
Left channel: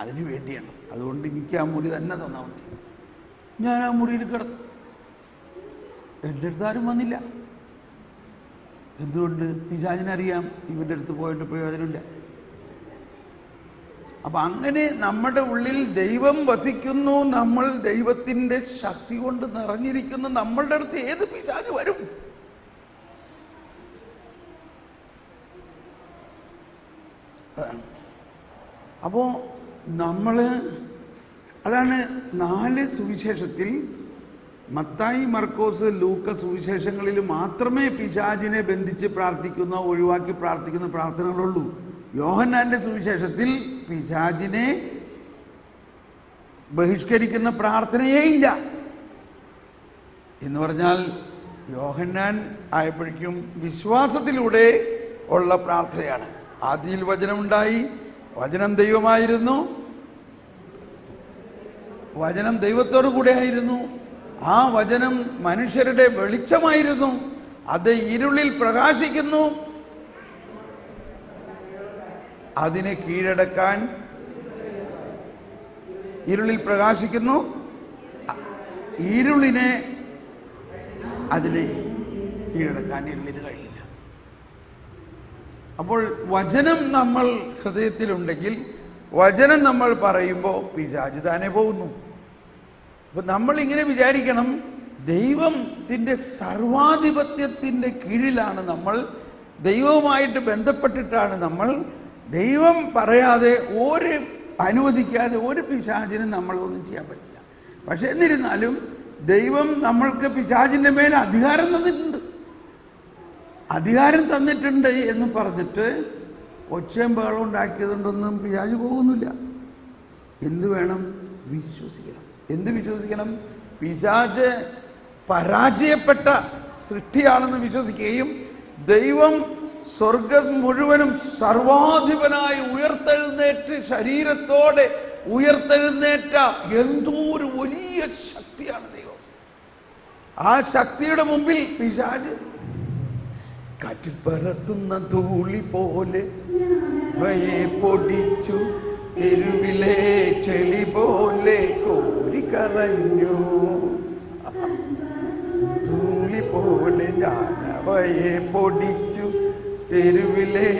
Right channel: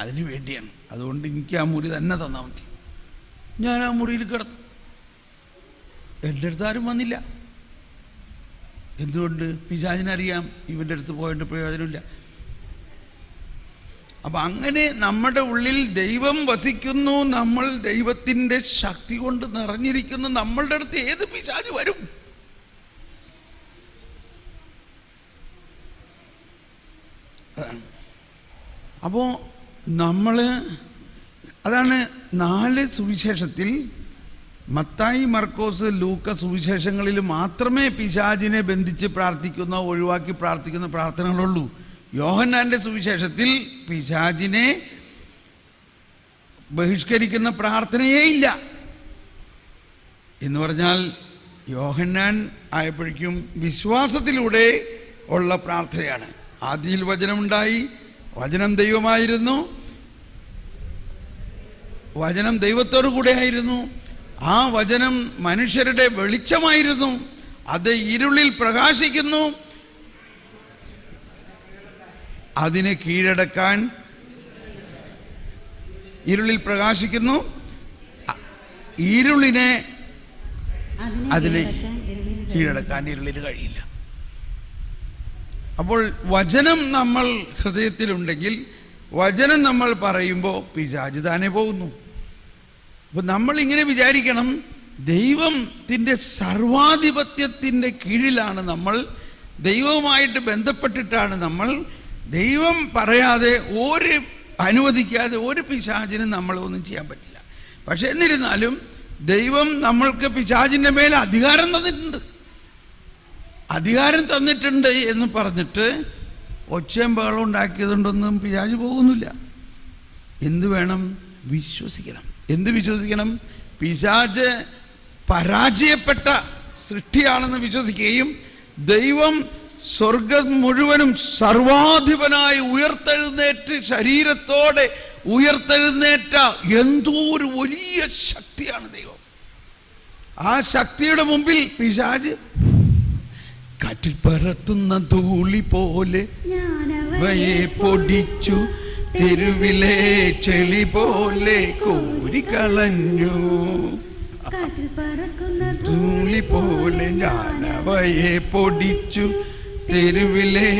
അതിനു വേണ്ടിയാണ്. അതുകൊണ്ട് എനിക്ക് ആ മുറി തന്നെ തന്നാൽ മതി. ഞാൻ ആ മുറിയിൽ കിടന്നു. എൻ്റെ അടുത്ത് ആരും വന്നില്ല. എന്തുകൊണ്ട്? പിശാചിനറിയാം ഇവൻ്റെ അടുത്ത് പോയിട്ട് പ്രയോജനമില്ല. അപ്പം അങ്ങനെ നമ്മുടെ ഉള്ളിൽ ദൈവം വസിക്കുന്നു, നമ്മൾ ദൈവത്തിൻ്റെ ശക്തി കൊണ്ട് നിറഞ്ഞിരിക്കുന്നു. നമ്മളുടെ അടുത്ത് ഏത് പിശാച് വരും? അപ്പോൾ അതാണ് 4 സുവിശേഷത്തിൽ, മത്തായി, മർക്കോസ്, ലൂക്ക സുവിശേഷങ്ങളിൽ മാത്രമേ പിശാചിനെ ബന്ധിച്ച് പ്രാർത്ഥിക്കുന്ന, ഒഴിവാക്കി പ്രാർത്ഥിക്കുന്ന പ്രാർത്ഥനകളുള്ളൂ. യോഹന്നാൻ്റെ സുവിശേഷത്തിൽ പിശാചിനെ ബഹിഷ്കരിക്കുന്ന പ്രാർത്ഥനയേ ഇല്ല. എന്ന് പറഞ്ഞാൽ യോഹന്നാൻ ആയപ്പോഴേക്കും വിശ്വാസത്തിലൂടെ ഉള്ള പ്രാർത്ഥനയാണ്. ആദിയിൽ വചനമുണ്ടായി, വചനം ദൈവമായിരുന്നു, വചനം ദൈവത്തോടു കൂടെ ആയിരുന്നു, ആ വചനം മനുഷ്യരുടെ വെളിച്ചമായിരുന്നു. അത് ഇരുളിൽ പ്രകാശിക്കുന്നു. അതിനെ കീഴടക്കാൻ, ഇരുളിൽ പ്രകാശിക്കുന്നു, ഇരുളിനെ അതിനെ കീഴടക്കാൻ ഇരുളിന് കഴിയില്ല. അപ്പോൾ വചനം നമ്മൾ ഹൃദയത്തിലുണ്ടെങ്കിൽ, വചനം നമ്മൾ പറയുമ്പോൾ പിശാച് താനെ പോകുന്നു. അപ്പോൾ നമ്മളിങ്ങനെ വിചാരിക്കണം, ദൈവത്തിൻ്റെ സർവാധിപത്യത്തിൻ്റെ കീഴിലാണ് നമ്മൾ, ദൈവവുമായിട്ട് ബന്ധപ്പെട്ടിട്ടാണ് നമ്മൾ. ദൈവം പറയാതെ, അനുവദിക്കാതെ ഒരു പിശാചിനും നമ്മളൊന്നും ചെയ്യാൻ പറ്റില്ല. പക്ഷെ എന്നിരുന്നാലും ദൈവം നമ്മൾക്ക് പിശാചിൻ്റെ മേലെ അധികാരം തന്നിട്ടുണ്ട്. അധികാരം തന്നിട്ടുണ്ട് എന്ന് പറഞ്ഞിട്ട് ഒച്ചയും ബഹളം ഉണ്ടാക്കിയതുകൊണ്ടൊന്നും പിശാച് പോകുന്നില്ല. എന്ത് വേണം? വിശ്വസിക്കണം. എന്ത് വിശ്വസിക്കണം? പിശാച് പരാജയപ്പെട്ട സൃഷ്ടിയാണെന്ന് വിശ്വസിക്കുകയും ദൈവം സ്വർഗം മുഴുവനും സർവാധിപനായി ഉയർത്തെഴുന്നേറ്റ്, ശരീരത്തോടെ ഉയർത്തെഴുന്നേറ്റ എന്തോ ഒരു വലിയ ശക്തിയാണ് ദൈവം. ആ ശക്തിയുടെ മുമ്പിൽ പിശാച് കാറ്റിൽ പറത്തുന്ന ധൂളി പോലെ വയെ പൊടിച്ചു, തെരുവിലെ ചെളി പോലെ കോരിക്കളഞ്ഞു. ധൂളി പോലെ ഞാനവയെ പൊടിച്ചു, തെരുവിലെ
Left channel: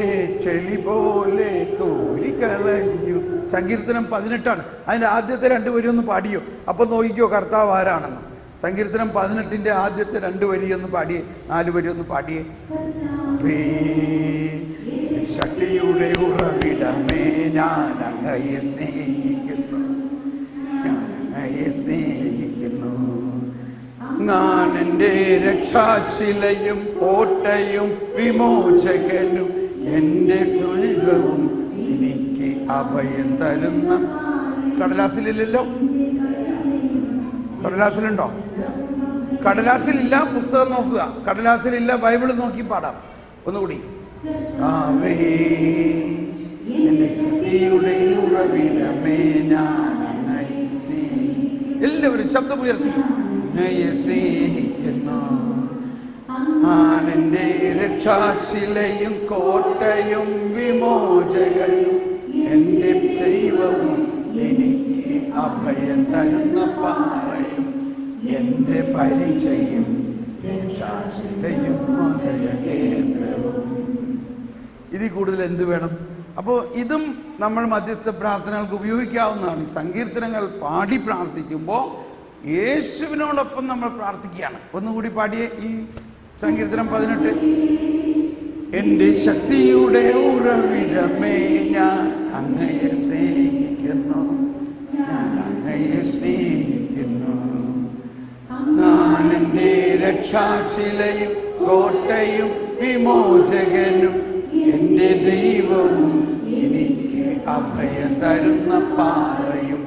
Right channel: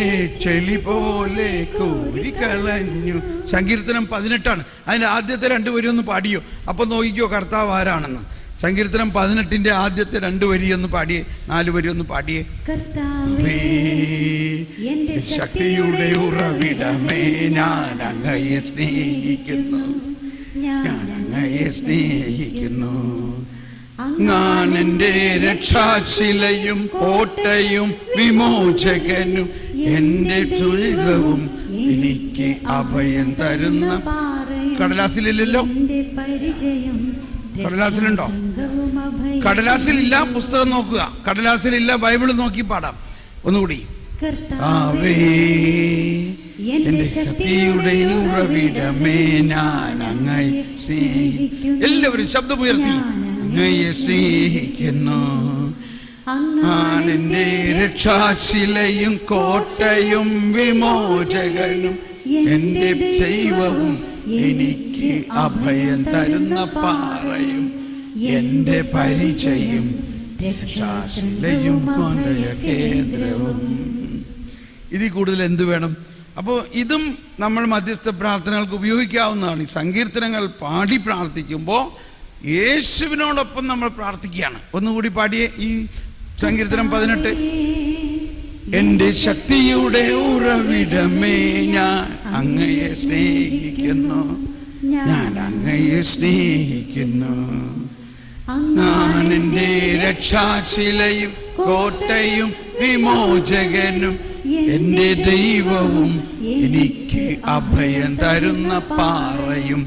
ചെളി പോലെ കോരിക്കളഞ്ഞു. സങ്കീർത്തനം 18. അതിൻ്റെ ആദ്യത്തെ 2 വരി ഒന്ന് പാടിയോ? അപ്പം നോക്കിക്കോ കർത്താവ് ആരാണെന്ന്. സങ്കീർത്തനം 18 ആദ്യത്തെ 2 വരി ഒന്ന് പാടിയേ, 4 വരി ഒന്ന് പാടിയേ. ശക്തിയുടെ ഉറവിടമേ, ഞാൻ അങ്ങയെ സ്നേഹിക്കുന്നു, ഞാൻ അങ്ങയെ സ്നേഹിക്കുന്നു. ഞാൻ എൻ്റെ രക്ഷാശിലയും കോട്ടയും വിമോചകനും, എൻ്റെ ദുരിതവും എനിക്ക് അഭയം തരുന്ന. കടലാസിലില്ലല്ലോ? കടലാസിലുണ്ടോ? കടലാസിലില്ല. പുസ്തകം നോക്കുക. കടലാസിലില്ല. ബൈബിൾ നോക്കി പാടാം. ഒന്നുകൂടി. ആവേ എൻ്റെ ശക്തിയുടെ ഉറവിടമേ, ഞാൻ അങ്ങയെ സ്നേഹിക്കുന്നു. എല്ലാവരും ശബ്ദമുയർത്തി അങ്ങയെ സ്നേഹിക്കുന്നു. ഞാൻ എൻ്റെ രക്ഷാശിലയും കോട്ടയും വിമോചകനും, എൻ്റെ ദൈവവും എനിക്ക് അഭയം തരുന്ന പാറയും, എൻ്റെ പരിചയം രക്ഷാശിലയും കേന്ദ്രവും. ഇതിൽ കൂടുതൽ എന്ത് വേണം? അപ്പോൾ ഇതും നമ്മൾ മധ്യസ്ഥ പ്രാർത്ഥനകൾക്ക് ഉപയോഗിക്കാവുന്നതാണ്. ഈ സങ്കീർത്തനങ്ങൾ പാടി പ്രാർത്ഥിക്കുമ്പോൾ യേശുവിനോടൊപ്പം നമ്മൾ പ്രാർത്ഥിക്കുകയാണ്. ഒന്നുകൂടി പാടിയേ ഈ സങ്കീർത്തനം 18. എൻ്റെ ശക്തിയുടെ ഉറവിടമേ, ഞാൻ അങ്ങയെ സ്നേഹിക്കുന്നു, ഞാൻ അങ്ങയെ സ്നേഹിക്കുന്നു. ഞാൻ എൻ്റെ രക്ഷാശിലയും കോട്ടയും വിമോചകനും, എൻ്റെ ദൈവവും എനിക്ക് അഭയം തരുന്ന പാറയും,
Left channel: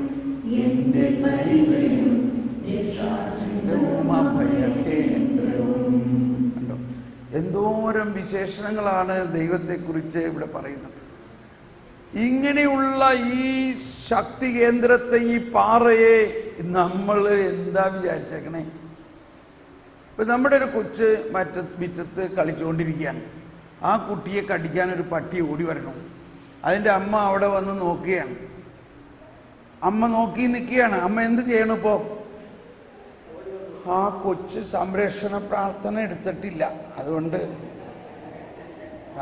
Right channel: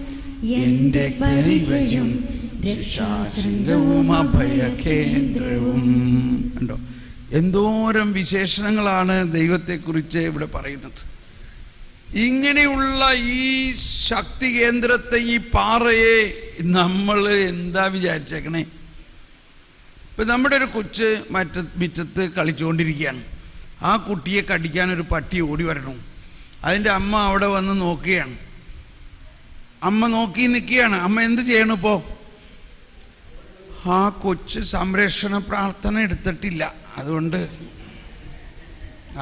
എൻ്റെ ദൈവവും ശാശ്വതവും അഭയ കേന്ദ്രവും. കണ്ടോ എന്തോരം വിശേഷണങ്ങളാണ് ദൈവത്തെക്കുറിച്ച് ഇവിടെ പറയുന്നത്. ഇങ്ങനെയുള്ള ഈ ശക്തി കേന്ദ്രത്തെ, ഈ പാറയെ നമ്മൾ എന്താ വിചാരിച്ചേക്കണേ? ഇപ്പം നമ്മുടെ ഒരു കൊച്ച് മുറ്റത്ത് കളിച്ചുകൊണ്ടിരിക്കുകയാണ്. ആ കുട്ടിയെ കടിക്കാൻ ഒരു പട്ടി ഓടി വരണം. അതിൻ്റെ അമ്മ അവിടെ വന്ന് നോക്കുകയാണ്. അമ്മ നോക്കി നിൽക്കുകയാണ്. അമ്മ എന്ത് ചെയ്യണം? ഇപ്പോൾ ആ കൊച്ച് സംരക്ഷണ പ്രാർത്ഥന എടുത്തിട്ടില്ല, അതുകൊണ്ട്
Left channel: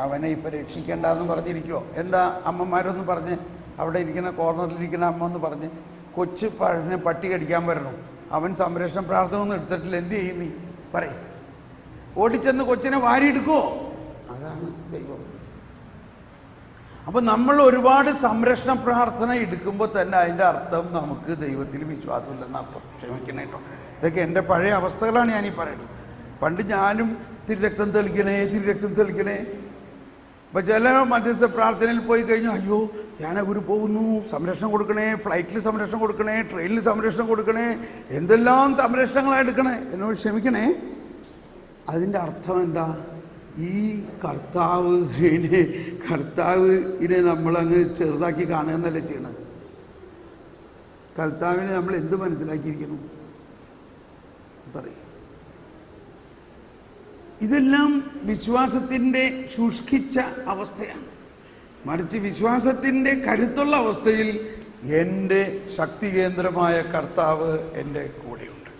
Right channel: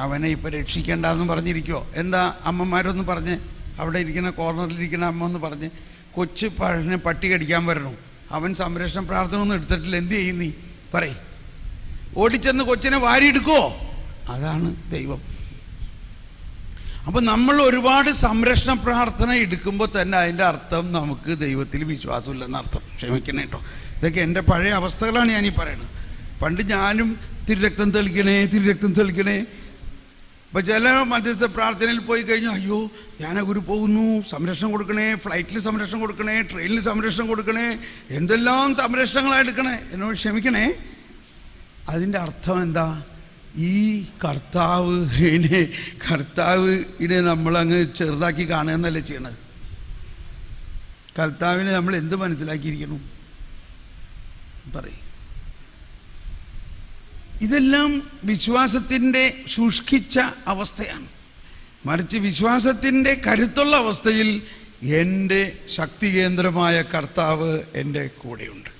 അവനെ ഇപ്പം രക്ഷിക്കേണ്ടെന്ന് പറഞ്ഞിരിക്കുമോ? എന്താ അമ്മമാരൊന്ന് പറഞ്ഞ്, അവിടെ ഇരിക്കുന്ന കോർണറിലിരിക്കുന്ന അമ്മ ഒന്ന് പറഞ്ഞ്, കൊച്ച് പട്ടി കടിക്കാൻ വരണം, അവൻ സംരക്ഷണ പ്രാർത്ഥന ഒന്നും എടുത്തിട്ടില്ല, എന്ത് ചെയ്യും നീ പറയ്? ഓടിച്ചെന്ന് കൊച്ചിനെ വാരിയെടുക്കുമോ? അതാണ് ദൈവം. അപ്പോൾ നമ്മൾ ഒരുപാട് സംരക്ഷണ പ്രാർത്ഥന എടുക്കുമ്പോൾ തന്നെ അതിൻ്റെ അർത്ഥം നമുക്ക് ദൈവത്തിൽ വിശ്വാസമില്ലെന്ന് അർത്ഥം. ക്ഷമിക്കണേ കേട്ടോ, ഇതൊക്കെ എൻ്റെ പഴയ അവസ്ഥകളാണ് ഞാനീ പറയുന്നത്. പണ്ട് ഞാനും തിരുരക്തം തെളിക്കണേ. അപ്പോൾ ചില മധ്യസ്ഥ പ്രാർത്ഥനയിൽ പോയി കഴിഞ്ഞാൽ, അയ്യോ ധ്യാനഗുരു പോകുന്നു, സംരക്ഷണം കൊടുക്കണേ, ഫ്ലൈറ്റിൽ സംരക്ഷണം കൊടുക്കണേ, ട്രെയിനിൽ സംരക്ഷണം കൊടുക്കണേ, എന്തെല്ലാം സംരക്ഷണങ്ങളെടുക്കണേ, എന്നോട് ക്ഷമിക്കണേ. അതിൻ്റെ അർത്ഥം എന്താ? ഈ കർത്താവിനെ നമ്മളങ്ങ് ചെറുതാക്കി കാണുക എന്നല്ലേ ചെയ്യണത്. കർത്താവിനെ നമ്മൾ എന്ത് മനസ്സിലാക്കിയിരിക്കുന്നു? പറയും. ഇതെല്ലാം വിശ്വാസത്തിൻ്റെ ശുഷ്കിച്ച അവസ്ഥയാണ്. മറിച്ച് വിശ്വാസത്തിൻ്റെ കരുത്തുള്ള അവസ്ഥയിൽ എൻ്റെ ശക്തി കേന്ദ്രമായ കർത്താവ് എൻ്റെ കൂടെയുണ്ട്.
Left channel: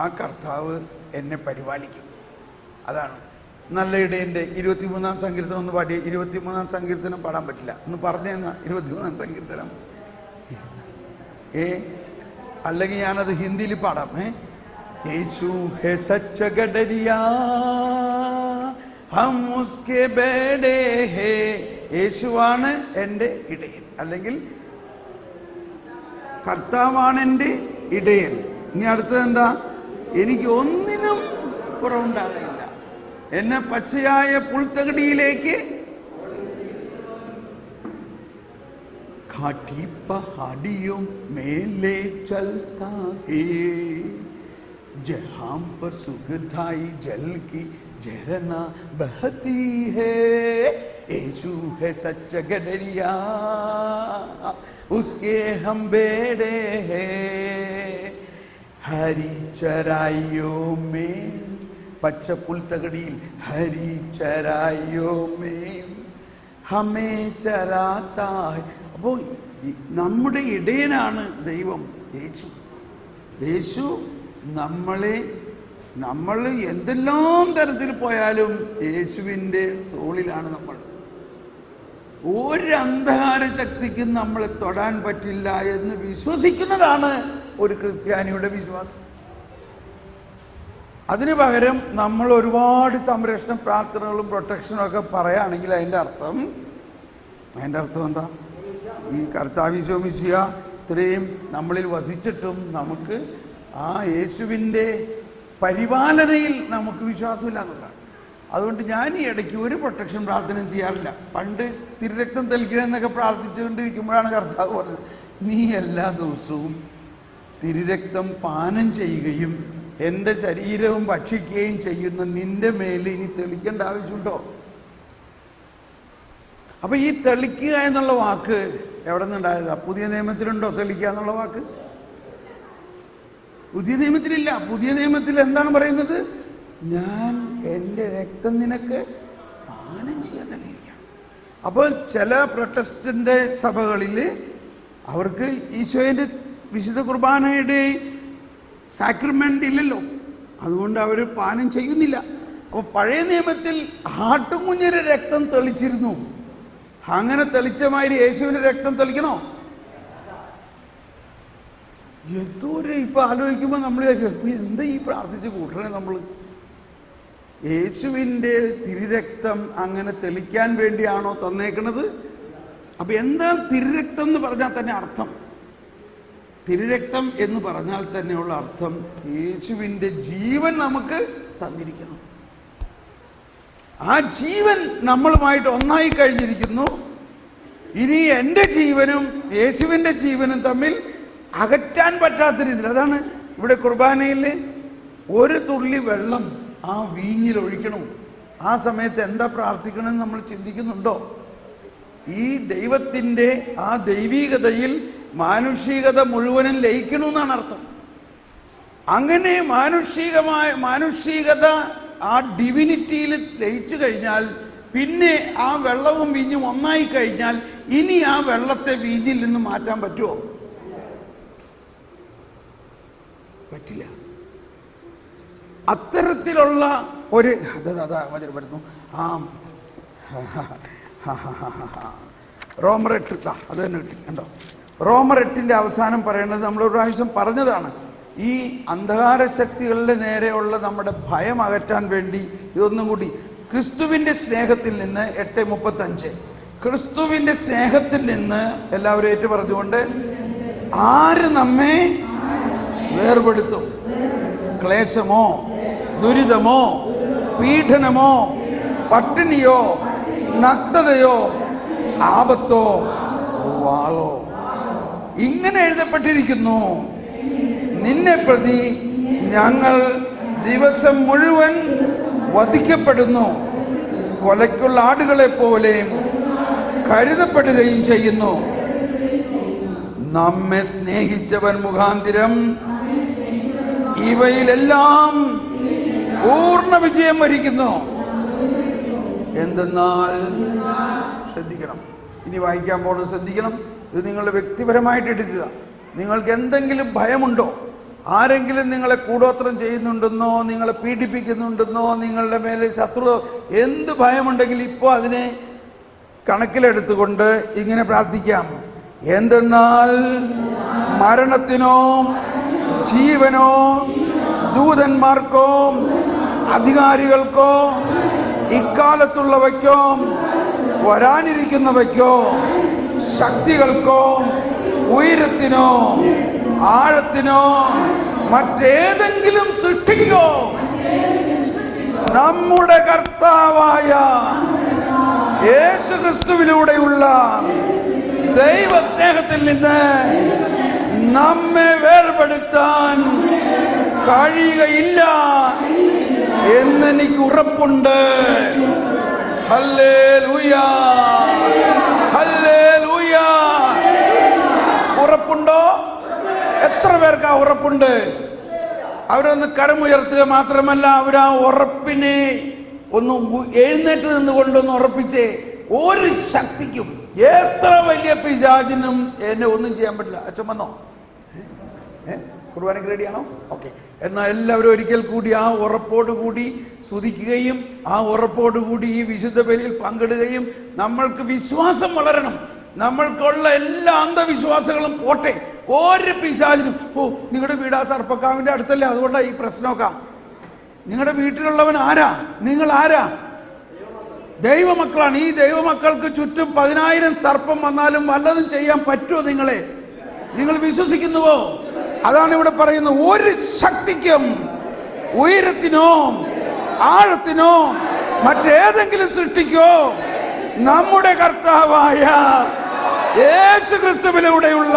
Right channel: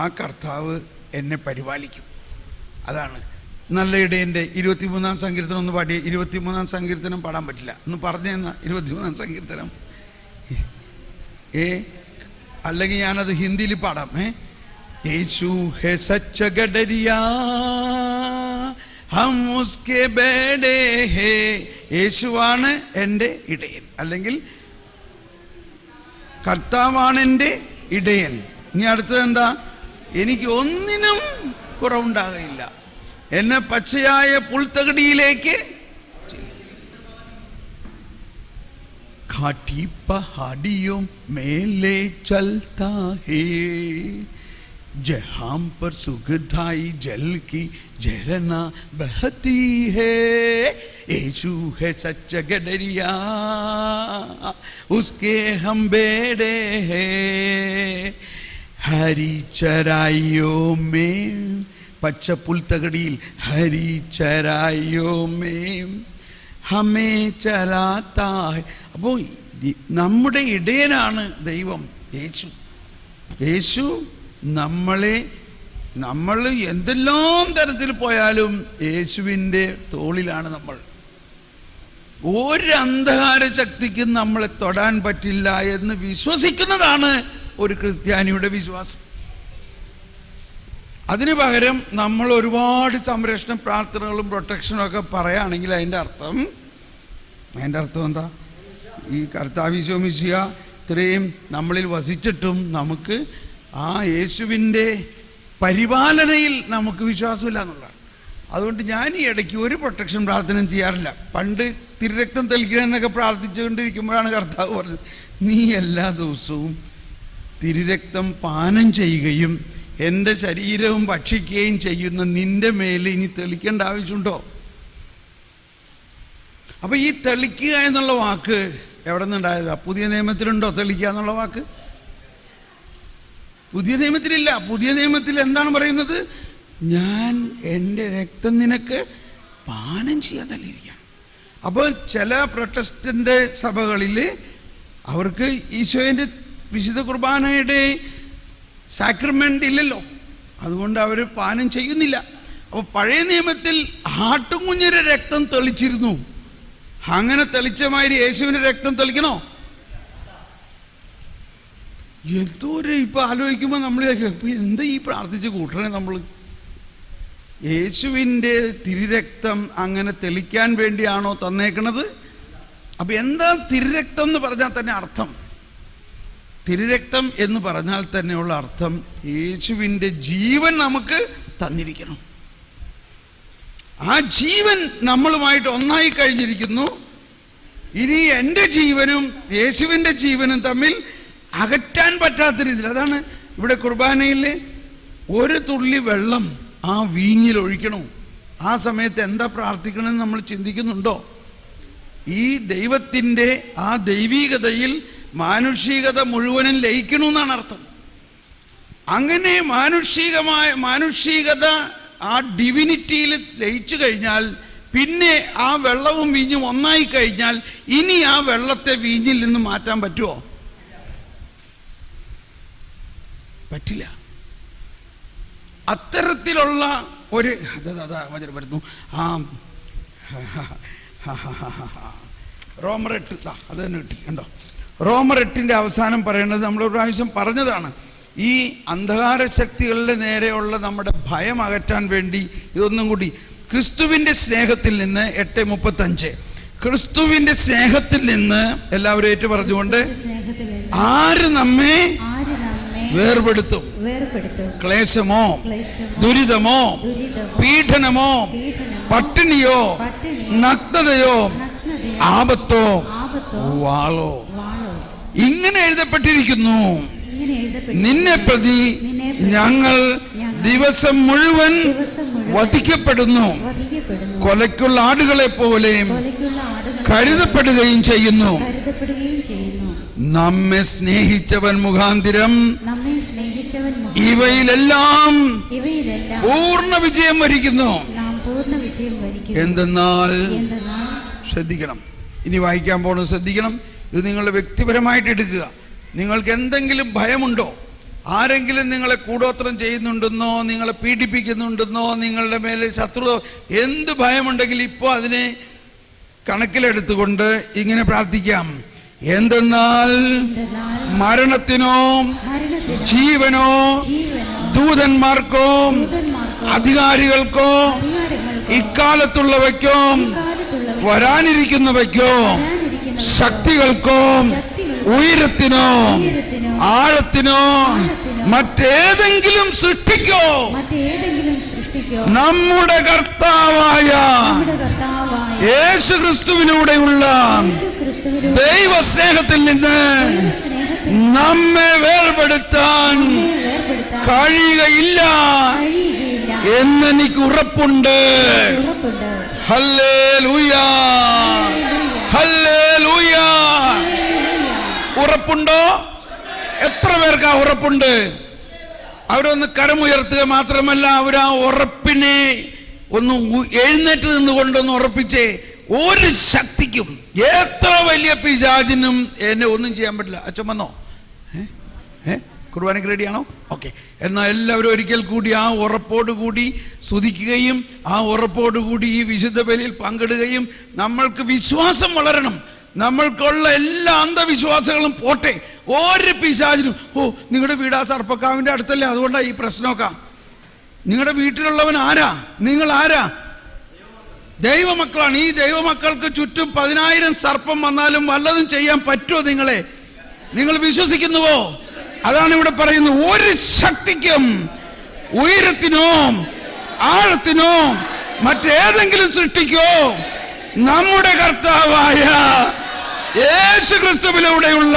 ആ കർത്താവ് എന്നെ പരിപാലിക്കും. അതാണ് നല്ല ഇടയൻ്റെ 23-ാം സങ്കീർത്തനം ഒന്ന് പാടിയ. 23-ാം സങ്കീർത്തനം പാടാൻ പറ്റില്ല, ഒന്ന് പറഞ്ഞു തന്ന 23-ാം സങ്കീർത്തനം. അല്ലെങ്കിൽ ഞാനത് ഹിന്ദിയിൽ പാടാം. യേശു ഹെ സച്ച ഗഡരിയാ ഹം ഉസ്കെ ബേഡേ ഹേ. യേശുവാണ് എൻ്റെ ഇടയൻ, അല്ലെങ്കിൽ കർത്താവാണ് എൻ്റെ ഇടയൻ. ഇനി അടുത്തത് എന്താ? എനിക്ക് ഒന്നിനും കുറവുണ്ടാകുകയില്ല. എന്നെ പച്ചയായ പുൽത്തകടിയിലേക്ക് घाटी पहाड़ियों में ले चलता है, जहां पर सुखदाई जल की झरना बहती है. यीशु है सच्चा गडरिया, उसके हम बेड़े हैं. हरी चराइयों में, പച്ച പുൽത്തകടിയിൽ, ഹരി ചരായോ മേ ഹമേ ചരാത്താ. അപ്പോൾ നമ്മുടെ ഇടയനാണ് ദൈവം യേശു. യേശു നമ്മൾ എന്തെല്ലാം തരത്തിൽ പോയാലും യേശുവിൻ്റെ തോളിലാണ് നമ്മൾ. ഒരു അന്ധകാര ശക്തിക്കും നമ്മളെ തൊടാൻ പറ്റില്ല എന്ന് വിശ്വസിക്കുന്നതാണ് ഒരു ക്രിസ്ത്യാനിയുടെ വിശ്വാസം. അതിന് പകരം നമ്മൾ ഒരുപാട് സംരക്ഷണ പ്രാർത്ഥനകളും പ്രൊട്ടക്ഷനും ഒക്കെ പറയുകയാണെങ്കിൽ അതിൻ്റെ അർത്ഥം എന്താ? ഈ കർത്താവ് ഈശോ മിശിഹ ഇത്രയും നമ്മളിൽ വസിച്ചിട്ടും നമുക്ക് ആ യേശുവിൻ്റെ പരിപാലനയിൽ നമുക്ക് വിശ്വാസമില്ല എന്നുള്ളതാണ്. അതുകൊണ്ട് ഞാൻ ഈ ഇടയ്ക്ക് ഒരു പ്രൊട്ടക്ഷൻ പ്രാർത്ഥനയും ചെയ്യാറില്ല. പണ്ട് തിരുരക്തം തെളിക്കണമെന്നൊക്കെ പ്രാർത്ഥിച്ചുകൊണ്ടിരിക്കുമ്പോഴാണ് കർത്താവ് പറഞ്ഞത്, നീ എല്ലാ ദിവസവും തിരുരക്തം പാനം ചെയ്യുകയും എൻ്റെ ശരീരവും ഭക്ഷിക്കുകയും ചെയ്യുന്ന നിൻ്റെ മേൽ ഇനി തെളിക്കേണ്ട ആവശ്യമുണ്ടോ? അപ്പോൾ ഈ തെളിക്കുക എന്നുള്ള വാക്ക് എവിടെ നിന്നുണ്ടായതാ? പുതിയ നിയമത്തിലുണ്ടോ തെളിക്കുക എന്നുള്ള വാക്ക്? പുതിയ നിയമത്തിലില്ല. പുതിയ നിയമത്തിൽ എന്താണ് പറയുന്നത്? ഞാൻ എൻ്റെ രക്തം നിനക്ക് പാനം ചെയ്യാതല്ലിരിക്കാം. അപ്പോൾ ചില പ്രൊട്ടസ്റ്റന്റ് സഭകളിൽ അവർക്ക് ഈശോയുടെ വിശുദ്ധ കുർബാനയുടെ സാക്രമെൻ്റ് ഇല്ലല്ലോ, അതുകൊണ്ട് അവർ പാനം ചെയ്യുന്നില്ല. അപ്പോൾ പഴയ നിയമത്തിൽ ആട്ടുകുഞ്ഞിൻ്റെ രക്തം തെളിച്ചിരുന്നു. അങ്ങനെ തെളിച്ചമാതിരി യേശുവിൻ്റെ രക്തം തെളിക്കണോ? എന്തോരം ഇപ്പം ആലോചിക്കുമ്പോൾ നമ്മൾ എന്താ ഈ പ്രാർത്ഥിച്ച് കൂട്ടണേ നമ്മൾ? യേശുവിൻ്റെ തിരുരക്തം അങ്ങനെ തെളിക്കാൻ വേണ്ടിയാണോ തന്നേക്കണത്? അപ്പം എന്താ തിരുരക്തം എന്ന് പറഞ്ഞാൽ തന്നെ അർത്ഥം? തിരുരക്തം എന്ന് പറഞ്ഞാൽ തന്നെയുള്ള അർത്ഥം യേശുവിൻ്റെ ജീവൻ നമുക്ക് തന്നിരിക്കണം. ആ ജീവൻ നമ്മളുമായിട്ട് ഒന്നായി കഴിഞ്ഞിരിക്കുന്നു. ഇനി എൻ്റെ ജീവനും യേശുവിൻ്റെ ജീവനും തമ്മിൽ അകറ്റാൻ പറ്റാത്ത രീതിയിൽ. അതാണ് ഇവിടെ കുർബാനയിൽ ഒരു തുള്ളി വെള്ളം ആ വീഞ്ഞിൽ ഒഴിക്കണം. ആ സമയത്ത് എന്താ പ്രാർത്ഥിക്കണമെന്ന് നമ്മൾ ചിന്തിക്കുന്നുണ്ടോ? ഈ ദൈവത്തിൻ്റെ ആ ദൈവീകതയിൽ മാനുഷികത മുഴുവനും ലയിക്കണമെന്നാണ് അർത്ഥം. അങ്ങനെ മാനുഷികത ആ ഡിവിനിറ്റിയിൽ ലയിച്ചു കഴിഞ്ഞാൽ പിന്നെ ആ വെള്ളവും വീഞ്ഞും ഒന്നായി കഴിഞ്ഞാൽ ഇനി ആ വെള്ളത്തെ വീഞ്ഞിൽ നിന്ന് മാറ്റാൻ പറ്റുമോ? പറ്റില്ല. അത്തരത്തിലുള്ള ഒരു വരുന്നു. ആ റോമർ 8 അത് തന്നെ എന്തോ റോമർ 8 അവസാനം പറയുന്നത് നമ്മളൊരു പ്രാവശ്യം പറഞ്ഞതാണ്. ഈ അന്ധകാര ശക്തികളുടെ നേരെയുള്ള നമ്മുടെ ഭയം അകറ്റാൻ വേണ്ടി ഇതൊന്നും കൂടി ക്രിസ്തുവിൻ്റെ സ്നേഹത്തിൽ നിന്ന് 8:35 ക്രിസ്തുവിൻ്റെ സ്നേഹത്തിൽ നിന്ന് എല്ലാവരും ഏറ്റു പറഞ്ഞുകൊണ്ട് ആര് നമ്മെ വേർപെടുത്തും? ക്ലേശമോ, ദുരിതമോ, പീഡനമോ, പട്ടിണിയോ, നഗ്നതയോ, ആപത്തോ, വാളോ, ഇങ്ങനെ എഴുതപ്പെട്ടിരിക്കുന്നു, നിന്നെ പ്രതി ഞങ്ങൾ ദിവസം മുഴുവൻ വധിക്കപ്പെടുന്നു, കൊലയ്ക്കുള്ള ആടുകളെ പോലെ കരുതപ്പെടുകയും ചെയ്യുന്നു. നമ്മെ സ്നേഹിച്ചവൻ മുഖാന്തിരം ഇവയിലെല്ലാം പൂർണ്ണ വിജയം വരിക്കുന്നു. എന്തെന്നാൽ ശ്രദ്ധിക്കണം, ഇനി വായിക്കാൻ പോകുന്നത് ശ്രദ്ധിക്കണം. ഇത് നിങ്ങൾ വ്യക്തിപരമായിട്ട് എടുക്കുക. നിങ്ങൾക്ക് എന്തെങ്കിലും ഭയമുണ്ടോ? ആരെങ്കിലും നിങ്ങളെ കൂടോത്രം ചെയ്യുന്നുണ്ടെന്നോ, നിങ്ങളെ പീഡിപ്പിക്കുന്നുണ്ടെന്നോ, നിങ്ങളുടെ മേലെ ശത്രു എന്ത് ഭയമുണ്ടെങ്കിൽ ഇപ്പോൾ അതിനെ കണക്കിലെടുത്തുകൊണ്ട് ഇങ്ങനെ പ്രാർത്ഥിക്കാം. എന്തെന്നാൽ മരണത്തിനോ ജീവനോ ദൂതന്മാർക്കോ അധികാരികൾക്കോ ഇക്കാലത്തുള്ളവയ്ക്കോ വരാനിരിക്കുന്നവയ്ക്കോ ശക്തികൾക്കോ ഉയരത്തിനോ ആഴത്തിനോ മറ്റേതെങ്കിലും സൃഷ്ടിക്കോ നമ്മുടെ കർത്താവായ യേശുക്രിസ്തുവിലൂടെയുള്ള ദൈവസ്നേഹത്തിൽ നിന്ന് നമ്മെ വേർപെടുത്താൻ കഴിയുകയില്ല എന്നെനിക്ക് ഉറപ്പുണ്ട്. ഹല്ലേലൂയ, ഹല്ലേലൂയ. ഉറപ്പുണ്ടോ? എത്ര പേർക്ക് ആ ഉറപ്പുണ്ട്? അവരൊന്ന് കരമുയർത്തുക മാത്രമല്ല, അവർ ആ ഉറപ്പിനെ ഒന്ന് എഴുന്നേറ്റ് നിന്നുകൊണ്ടൊന്ന് ഉറപ്പിച്ചേ. ഒരു ശക്തിക്കും, എത്ര വലിയ പിശാചിനും എന്നെ ഒന്നും ചെയ്യാൻ പറ്റില്ല. അച്ഛൻ വന്നോ? കുർബാനയ്ക്ക് റെഡിയാണോ? ഓക്കെ. എന്നാൽ എല്ലാവരും ഒരിക്കൽ കൂടി ആ ഉറപ്പോടുകൂടി സ്തുതിക്കുകയും ആ ഉറപ്പോടുകൂടി ഈ വിശുദ്ധ ബലിയിൽ പങ്കിടുകയും നമ്മൾക്ക് വിശ്വാസം വളരണം. നമ്മൾക്കുള്ള എല്ലാ അന്ധവിശ്വാസങ്ങളും പോട്ടെ. ഒരു പിശാചിനും നിങ്ങളുടെ വീട് ആ സർപ്പക്കാവിൻ്റെ അടുത്തല്ലേ, അതുകൊണ്ടാണ് ഈ പ്രശ്നമൊക്കെ. നിങ്ങളുടെ വീട്ടിലുള്ളവൻ ആരാ? നിങ്ങൾ ആരാ? ദൈവമക്കളാണ്. ഈ ദൈവമക്കൾക്ക് ചുറ്റും 10,000 സർപ്പം വന്നാലും വല്ലതും ചെയ്യാൻ പറ്റുമോ നിങ്ങളെ? നിങ്ങൾ വിശ്വസിക്കുന്നുവോ? അതാണ് ഇവിടെ പറയുന്നത്. ഒരു ശക്തിക്കും ഉയരത്തിനോ ആഴത്തിനോ മറ്റേതെങ്കിലും സൃഷ്ടിക്കോ നമ്മുടെ കർത്താവായ യേശുക്രിസ്തുവിലൂടെയുള്ള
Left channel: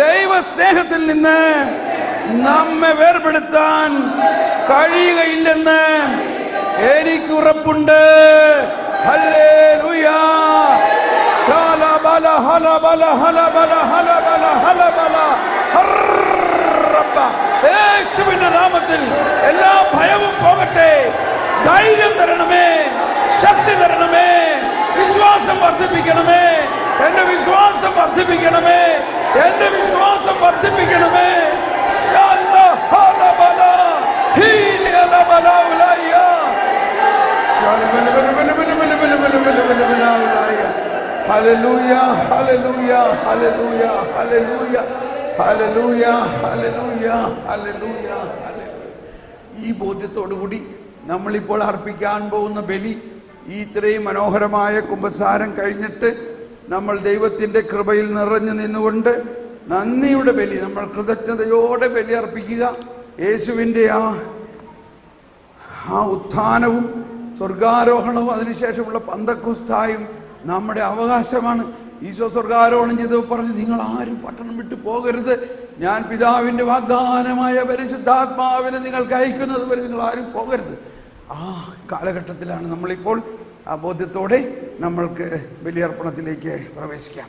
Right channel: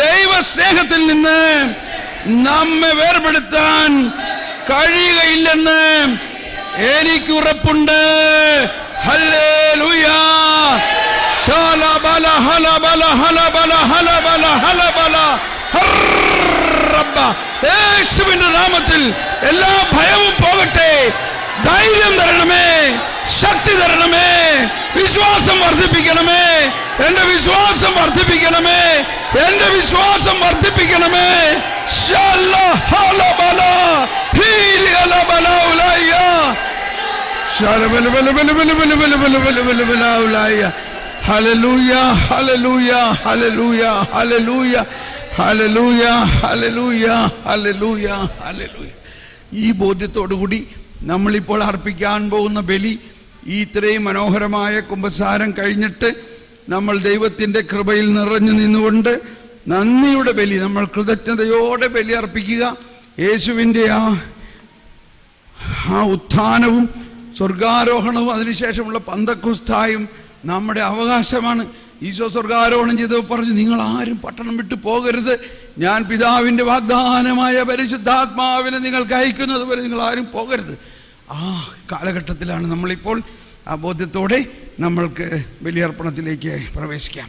ദൈവസ്നേഹത്തിൽ നിന്ന് നമ്മെ വേർപെടുത്താൻ കഴിയുകയില്ലെന്ന് എനിക്ക് ഉറപ്പുണ്ട്. ഹല്ലേലൂയ. ശലബല ഹലബല ഹലബല ഹലബല ഹലബല ഹറബ്ബ. യേശുവിന്റെ നാമത്തിൽ എല്ലാ ഭയവും പോകട്ടെ. ധൈര്യം തരണമേ, ശക്തി തരണമേ, വിശ്വാസം വർദ്ധിപ്പിക്കണമേ. എന്റെ വിശ്വാസം വർദ്ധിപ്പിക്കണമേ, എന്റെ വിശ്വാസം വർദ്ധിപ്പിക്കണമേ. ഹല്ലേലൂയ, ഹല്ലേലൂയ, ഹല്ലേലൂയ, ഹല്ലേലൂയ, ഹല്ലേലൂയ, ഹല്ലേലൂയ, ഹല്ലേലൂയ, ഹല്ലേലൂയ. ഈ ബോധ്യത്തോടുകൂടി നമ്മളിപ്പോൾ അർപ്പിക്കാൻ പോകുന്ന ബലി, ഈ ഇത്രയും മനോഹരമായ കുമ്പസാരം കഴിഞ്ഞിട്ട് നമ്മൾ ദൈവത്തിൻ്റെ കൃപയിൽ നിറഞ്ഞു നിന്നുകൊണ്ട് നന്ദിയുടെ ബലി, നമ്മൾ കൃതജ്ഞതയോടെ ബലി അർപ്പിക്കുക. യേശുവിൻ്റെ ആ ഉത്ഥാനവും സ്വർഗാരോഹണവും അതിനുശേഷമുള്ള പന്തക്കുസ്തായും നമ്മുടെ അവകാശമാണ്. ഈശോ സ്വർഗാരോഹണം ചെയ്ത് പറഞ്ഞു, നിങ്ങൾ ആരും പട്ടണം വിട്ടു പോകരുത്, ഞാൻ പിതാവിൻ്റെ വാഗ്ദാനമായ പരിശുദ്ധാത്മാവിനെ നിങ്ങൾക്ക് അയക്കുന്നത് വരെ നിങ്ങൾ ആരും പോകരുത്. ആ കാലഘട്ടത്തിലാണ് നമ്മളിപ്പോൾ. ആ ബോധ്യത്തോടെ നമ്മൾക്ക് ബലിയർപ്പണത്തിലേക്ക് പ്രവേശിക്കാം.